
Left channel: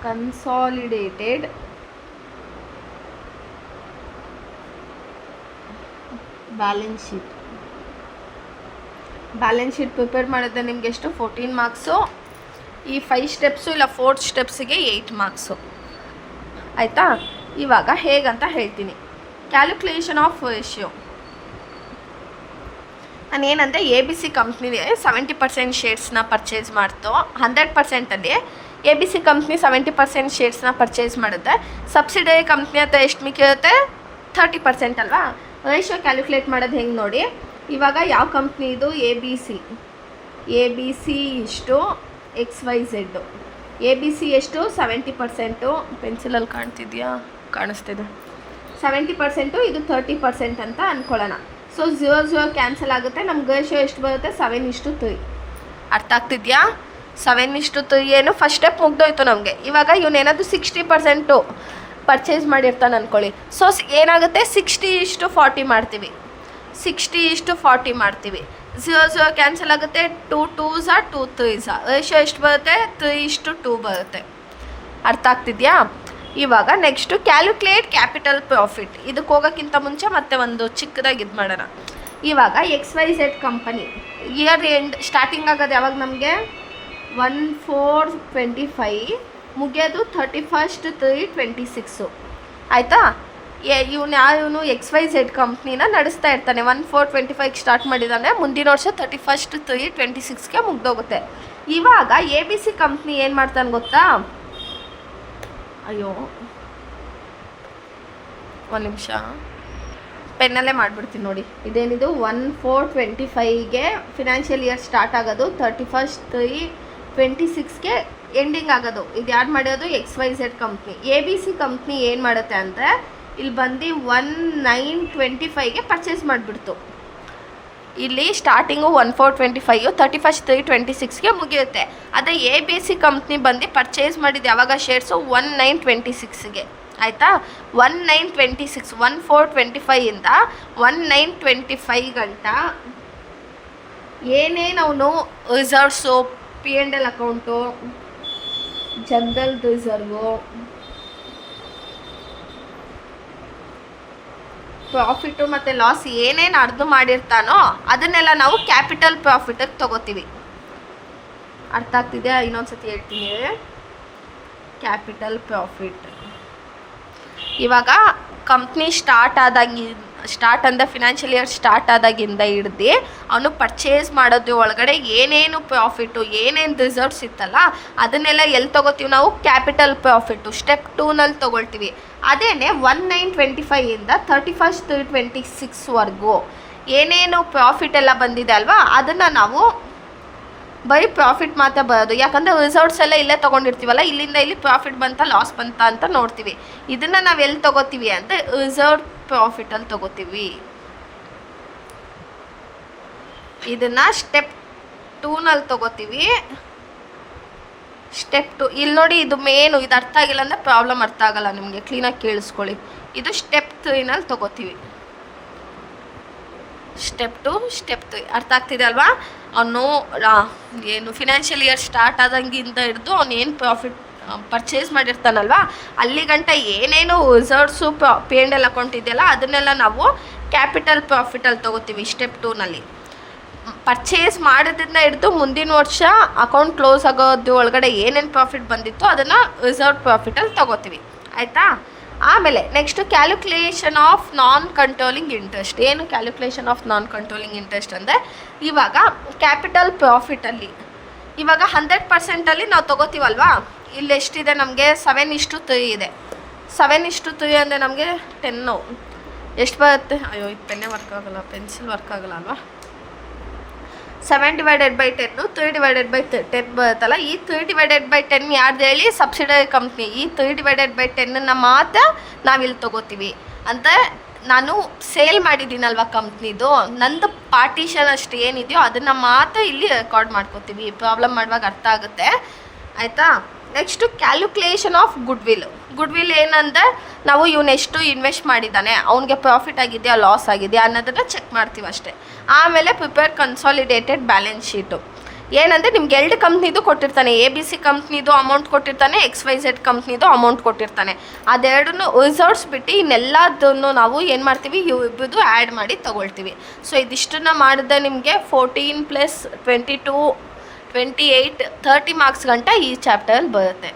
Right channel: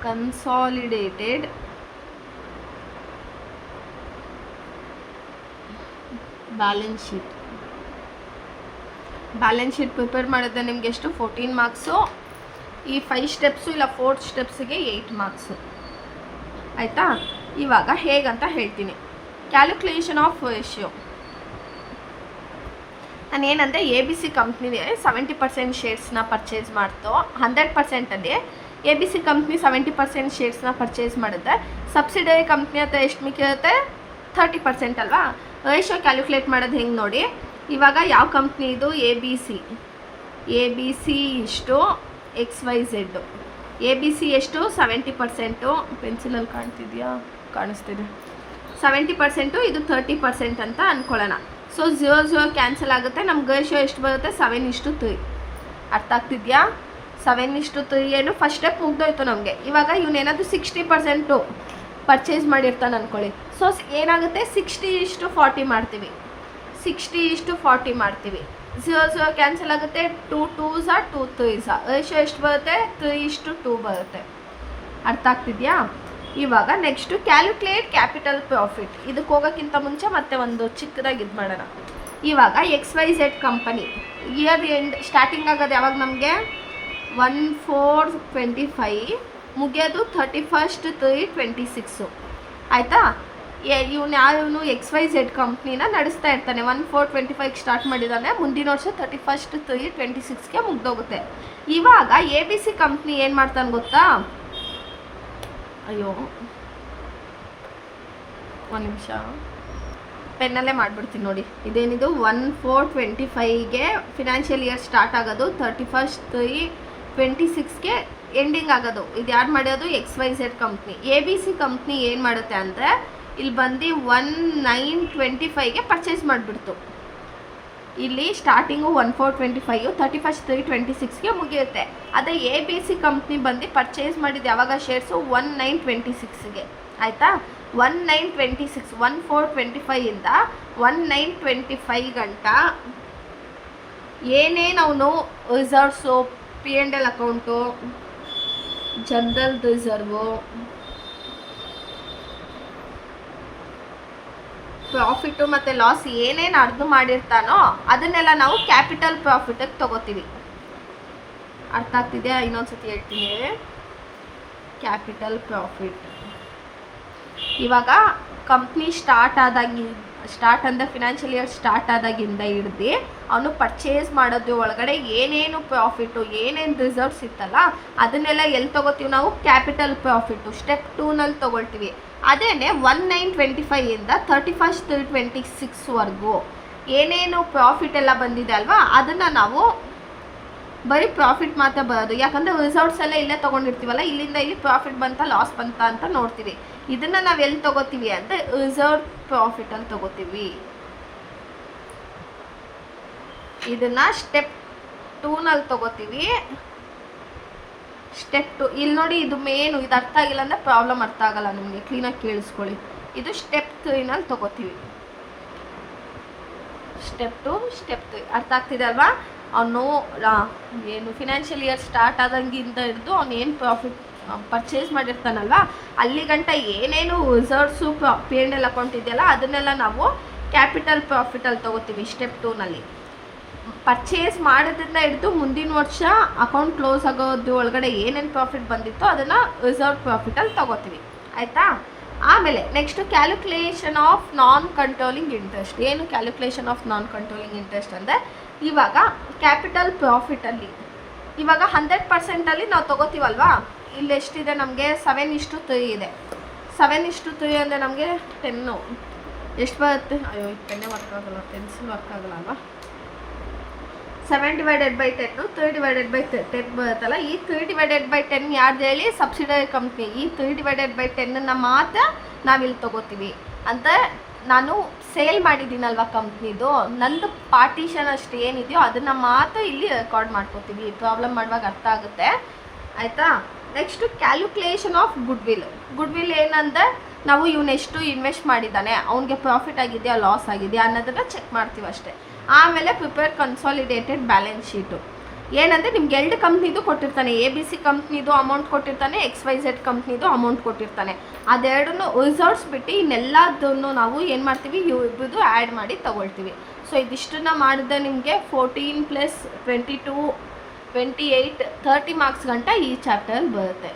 consolidated balance sheet prepare ಮಾಡಿದ್ರೆ ನಿಮಗೆ ಎಷ್ಟು? 14 ಮಾರ್ಕ್ಸು. ಈ 5 ಸ್ಟೆಪ್ಸು ಇಲ್ಲ 4 ಸ್ಟೆಪ್ಸಿಗೆ 8 ಮಾರ್ಕ್ಸು, ಆಯಿತಾ? ಇವಾಗ ಹೇಗಂತ ಹೇಳ್ತೀನಿ. Calculation of ratio. ನಾನೇನಂದರೆ ABC ಕಂಪ್ನಿಗೆ 70% ಶೇರ್ಸ್ನ ಪರ್ಚೇಸ್ ಮಾಡ್ತು. 100%ಅಲ್ಲಿ ABC ಕಂಪ್ನಿ 70% ಶೇರ್ಸ್ನ ಪರ್ಚೇಸ್ ಮಾಡುತ್ತೆ. ಸಬ್ಸಿಡರಿ ಕಂಪ್ನಿ ಹತ್ರ ಎಷ್ಟು ಮಿಕ್ಕಿರುತ್ತೆ? 30% ಅಲ್ವಾ? ರೇಷಿಯೋ ಕ್ಯಾಲ್ಕುಲೇಟ್ ಮಾಡೋದು ಹೆಂಗೆ ನೋಡಿ. ಇವಾಗ ಯಾವ ಕಂಪ್ನಿ ಇದು? ABC ಇಷ್ಟು XYZ. ABC ಎಷ್ಟು? 70%. ಪೆನ್ಸಿಲಲ್ಲಿ ಕಾಣ್ತಿದೆಯಾ? ಕಾಣಿಸ್ತಿದೆ. 70%, ಇದು 30% ಅಂತ ಅಂದ್ಕೊಳ್ಳೋಣ. ಸೊ 0 ಕ್ಯಾನ್ಸಲ್ ಆಗುತ್ತೆ. ನಮ್ಗೆ ರೇಷಿಯೋ ಎಷ್ಟು ಬರುತ್ತೆ? 7:3. ಅರ್ಥ ಆಗ್ತಿದೆಯಾ? 7:3 ಏನು ಫಸ್ಟ್ ಸ್ಟೆಪ್ ಮುಗ್ದೋಯ್ತು ನಮಗೆ. ಇವಾಗ ಇವನೇನಾದರೂ 60% ಪರ್ಚೇಸ್ ಮಾಡಿರ್ತಾನೆ ಅಂದ್ಕೊಳ್ಳಿ. ಸೊ ಏನಾಗುತ್ತೆ? 60:40 ಮಾಡ್ತೀವಿ. 0 ಕ್ಯಾನ್ಸಲ್ ಆಗುತ್ತೆ. 2 2s 2 3s. ರೇಷಿಯೋ ಎಷ್ಟು ಬರುತ್ತೆ? 3:2 ಬರುತ್ತೆ. ಅರ್ಥ ಆಗ್ತಿದೆಯಾ? ಇವಾಗ ನೆಕ್ಸ್ಟು ಕ್ಯಾಲ್ಕುಲೇಟ್ ಕ್ಯಾಪಿಟಲ್ ಪ್ರಾಫಿಟ್. ಇದಕ್ಕೆ ಹೋಗೋಕ್ಕಿಂತ ಮುಂಚೆ ಮತ್ತೆ ಒಂದು ಚಿಕ್ಕದಾಗಿ ಇದು ಮಾಡೋಣ. ಇವಾಗ XYZ company year end starting ಆಗೋದು ಯಾವಾಗ? ನಮಗೆ 1/4/25, ಮುಗಿಯೋದು 31/3/26, ಆಯಿತಾ? ಇವನು XYZ ಕಂಪ್ನಿನ ನಡೆಸ್ತಾ ಇರ್ತಾನೆ. 1/4/25 ಸ್ಟಾರ್ಟ್ ಮಾಡಿದ್ದಾನೆ, ಮುಂದಿನ ವರ್ಷ 31st 3/26ಗೆ ಮುಗ್ದೋಗುತ್ತೆ. ಇವಾಗ ABC ಕಂಪ್ನಿ ಏನು ಮಾಡ್ತಾನೆ ಗೊತ್ತಾ? ಅಯ್ಯೋ ಒಂದು ನಿಮಿಷ, ಪೆನ್ನಲ್ಲೇ ಮಾಡಿಬಿಡ್ತೀನಿ ನೋಡಿ. ಇದೇನಿದು 1/4/25ಗೆ ಫಿನಾನ್ಷಿಯಲ್ ಇಯರ್ ಸ್ಟಾರ್ಟ್ ಆಗೋದು, 31st 3/26ಗೆ ಎಂಡಿಂಗ್ ಆಗೋದು. ಇದು ಯಾರು ಮಾಡೋದು? XYZ company. ABC ಕಂಪ್ನಿ ಏನು ಮಾಡುತ್ತೆ ಅಂದರೆ ಇಲ್ಲಿ ಬಂದು 1/9/25ಗೆ ಪರ್ಚೇಸ್ ಮಾಡಿಬಿಡ್ತು. ಇಲ್ಲಿ ಸ್ಟಾರ್ಟಿಂಗು 1/4/25, 31st 3/26ಗೆ ಮುಗಿಯುತ್ತೆ. ಅದೇ ABC ಕಂಪ್ನಿ ಬಂದು ಪರ್ಚೇಸ್ ಮಾಡಿದ್ದು ಯಾವಾಗ ಶೇರ್ಸು? 1/9/26ಗೆ. ಆಯಿತಾ? 1/9/26, 1/4/25ಇಂದ 1/9/25 ಗಂಟ ಏನೇನು ಅವನು reserves, P&L account, general reserve, profit ಮತ್ತು ಲಾಸ್ ಏನೇನು ಅರ್ದು ಮಾಡಿರ್ತಾನೋ ಅದನ್ನೆಲ್ಲ ನಾವು ಕ್ಯಾಪಿಟಲ್ ಪ್ರಾಫಿಟಿಗೆ ತೊಗೋತೀವಿ. ಅರ್ಥ ಆಗ್ತಿದೆಯಾ? ಇನ್ನೊಂದ್ಸತಿ ಹೇಳ್ತೀನಿ. ಕ್ಯಾಪಿಟಲ್ ಪ್ರಾಫಿಟ್ ಇವಾಗ ಕಂಪ್ನಿ ಸ್ಟಾರ್ಟ್ ಅಂದರೆ ಫಿನಾನ್ಷಿಯಲ್ ಇಯರ್ ಸ್ಟಾರ್ಟ್ ಆದಾಗಿಂದ ಹಿಡ್ದು ಅವನು ಪರ್ಚೇಸ್ ಮಾಡೋದು ಒಳಗಡೆ ಏನೇನು ಪ್ರಾಫಿಟು, ಏನೇನು ರಿಸರ್ವ್ಸ್ ಇತ್ತಲ್ಲ ಅದನ್ನೆಲ್ಲ ಎಲ್ಲಿ ತೊಗೋತೀವಿ ನಾವು? ಕ್ಯಾಪಿಟಲ್ ಪ್ರಾಫಿಟ್ಟು ಸ್ಟೆಪ್ 2ನಲ್ಲಿ ತೊಗೊಳ್ತೀವಿ. ಅದೇನೆ 1/9/25ಇಂದ 31st 3/26ವರೆಗೂ ಏನೇನು ಪ್ರಾಫಿಟ್ ಎಲ್ಲ ಬಂದಿದೆ ಅಲ್ವಾ, ಅದನ್ನು ನಾವು ಬರೀ ಪ್ರಾಫಿಟ್ ಮಾತ್ರ ಬರೋದು. ಯಾಕಂದರೆ ರಿಸರ್ವ್ಸ್ ಎಲ್ಲ ಇಲ್ಲೇ ತೊಗೊಂಡಿರ್ತೀವಲ್ಲ, ಇಲ್ಲಿಂದ ಇಲ್ಲಿ ಪ್ರಾಫಿಟ್ ಬಂತ ಲಾಸ್ ಬಂತ ಅಂತ ನೋಡ್ತೀವಿ. ಇದನ್ನು ನಾವು ಎಲ್ಲಿ ತೊಗೋತೀವಿ ಅಂದರೆ ರಿಸರ್ವ್ ಪ್ರಾಫಿಟಲ್ಲಿ ತೊಗೋತೀವಿ. ಇದನ್ನು ಸ್ಟೆಪ್ 2ನಲ್ಲಿ ತೊಗೋತೀವಿ. ಸ್ಟೆಪ್ 2 ಇಲ್ಲಿ ನೋಡಿ, ಇದು ಮೇನು. ಇದು ಅರ್ಥ ಆಗಿಲ್ಲ ಅಂದರೆ ಪ್ರಾಬ್ಲಮ್ ಅರ್ಥ ಆಗಲ್ಲ ನಿಮಗೆ, ಕ್ಲೀನಾಗಿ ಕೇಳಿಸ್ಕೊಳ್ಳಿ. ಇದು ಸ್ಟೆಪ್ 3ನಲ್ಲಿ ತೊಗೋತೀವಿ. ಸ್ಟೆಪ್ 2, ಸ್ಟೆಪ್ 3 ಅರ್ಥ ಆಗ್ತಿದೆ ಅಲ್ವಾ? ಅವನು ಏನು ಫಿನಾನ್ಷಿಯಲ್ ಇಯರ್ ಸ್ಟಾರ್ಟ್ ಆದಂಗಿಂದ ಹಿಡಿದು ಅವನು ಏನು ಪ್ರಾಫಿಟ್ ಪರ್ಚೇಸ್ ಮಾಡಿರ್ತಾನಲ್ವ ಅಲ್ಲಿ ಗಂಟ ಏನೇನು ರಿಸರ್ವ್ಸು, P&L ಅಕೌಂಟ್ ಇದೆಯಲ್ಲ ಅದನ್ನೆಲ್ಲ ನಾವು ಕ್ಯಾಪಿಟಲ್ ಪ್ರಾಫಿಟಲ್ಲಿ ತೊಗೋತೀವಿ ಸ್ಟೆಪ್ 2ನಲ್ಲಿ. ಪರ್ಚೇಸ್ ಮಾಡೋದ್ರಿಂದ ಹಿಡಿದು ಮುಂದಿನ ವರ್ಷ ಅಕೌಂಟ್ ಕ್ಲೋಸ್ ಆಗೋದು ಒಳಗಡೆ ಏನೇನು ಪ್ರಾಫಿಟ್ ಬಂದಿತ್ತು ಅದನ್ನು ರಿಸರ್ವ್ ಪ್ರಾಫಿಟಲ್ಲಿ ತೊಗೋತೀವಿ. ಆಯಿತಾ? ಆಮೇಲೆ next calculation of non controlling interest. ಏನು calculation of non controlling interest ಅಂದರೆ ಇವಾಗ ಕ್ಯಾಪಿಟಲ್ ಪ್ರಾಫಿಟಲ್ಲಿ ಇವಾಗ 100%ಅಲ್ಲಿ ನಾವು ತೊಗೋತೀವಲ್ವಾ, ಇಲ್ಲಿ ಎಷ್ಟಿದೆ ನಮಗೆ? 7:3 ಇದೆ. 7:3 ಅಂದರೆ ನಮಗೆ 10 ಎಷ್ಟು ಬರುತ್ತೆ? ಅಯ್ಯೋ ಇದು ಪೆನ್ನೇ ವರ್ಕ್ ಆಗೋಲ್ಲ, ಪೆನ್ಸಿಲ್ ವರ್ಕ್ ಆಗೋಲ್ಲ ಅಲ್ವಾ? 7/10, 3/10 ಬರುತ್ತಲ್ಲ. ಈ 3/10 ಯಾರ್ದು ಹೇಳಿ? Subsidiary company. ಈ 3/10 ಮಾತ್ರ ನಾವಿಲ್ಲಿ ತೊಗೋತೀವಿ. ಅಂತ ನಾನು ಸೇಲ್ ಮಾಡಿದ್ದೀನಲ್ವ ಕಂಪ್ನಿದು, ನಂದು ಪಾರ್ಟಿಷನ್ ಅಷ್ಟು ಏನಿದೆಯೋ ಅದನ್ನು ಮಾತ್ರ ಇಲ್ಲಿ ರೆಕಾರ್ಡ್ ಮಾಡ್ಕೋತೀವಿ. ಪ್ರಾಬ್ಲಮ್ ಮಾಡುವಾಗ ಅರ್ಥ ಆಗುತ್ತೆ. ಆಯಿತಾ? ನೆಕ್ಸ್ಟು ಕ್ಯಾಲ್ಕುಲೇಷನ್ ಆಫ್ ಗುಡ್ವಿಲ್ ಏನಂದರೆ ನಾವು ಇವನೆಷ್ಟು ಇನ್ವೆಸ್ಟ್ ಮಾಡಿದ್ದಾನೆ, ಅವನಿಗೆ ಪ್ರಾಫಿಟ್ ಆಗಿದೆಯಾ ಲಾಸ್ ಆಗಿದೆಯಾ ಅನ್ನೋದನ್ನು ಚೆಕ್ ಮಾಡ್ತೀವಿ ಅಷ್ಟೇ. ಆಮೇಲೆ ಪ್ರಿಪೇರ್ ಕನ್ಸಾಲಿಡೇಟೆಡ್ ಬ್ಯಾಲೆನ್ಸ್ ಶೀಟು. ಏನಂದರೆ ನಿಮ್ಗೆ 2 ಕಂಪ್ನಿದು ಕೊಟ್ಟಿರ್ತಾನೆ. ABC ಕಂಪ್ನಿದು ಅಮೌಂಟ್ ಕೊಟ್ಟಿರ್ತಾನೆ, XYZ ಕಂಪ್ನಿದು ಅಮೌಂಟ್ ಕೊಟ್ಟಿರ್ತಾನೆ. ಅದೆರಡನ್ನು ರಿಸರ್ವ್ಸ್ ಬಿಟ್ಟು ಇನ್ನೆಲ್ಲದನ್ನು ನಾವು ಏನು ಮಾಡ್ತೀವಿ? ಇಬ್ಬರದು ಆ್ಯಡ್ ಮಾಡಿ ತೊಗೊಳ್ತೀವಿ. ಸೊ ಇದಿಷ್ಟನ್ನು ಮಾಡಿದ್ರೆ ನಿಮಗೆ 14 + 22 28 30 ಮಾರ್ಕ್ಸ್ ಗಂಟ ಈ ಚಾಪ್ಟರಲ್ಲಿ ಬರುತ್ತೆ.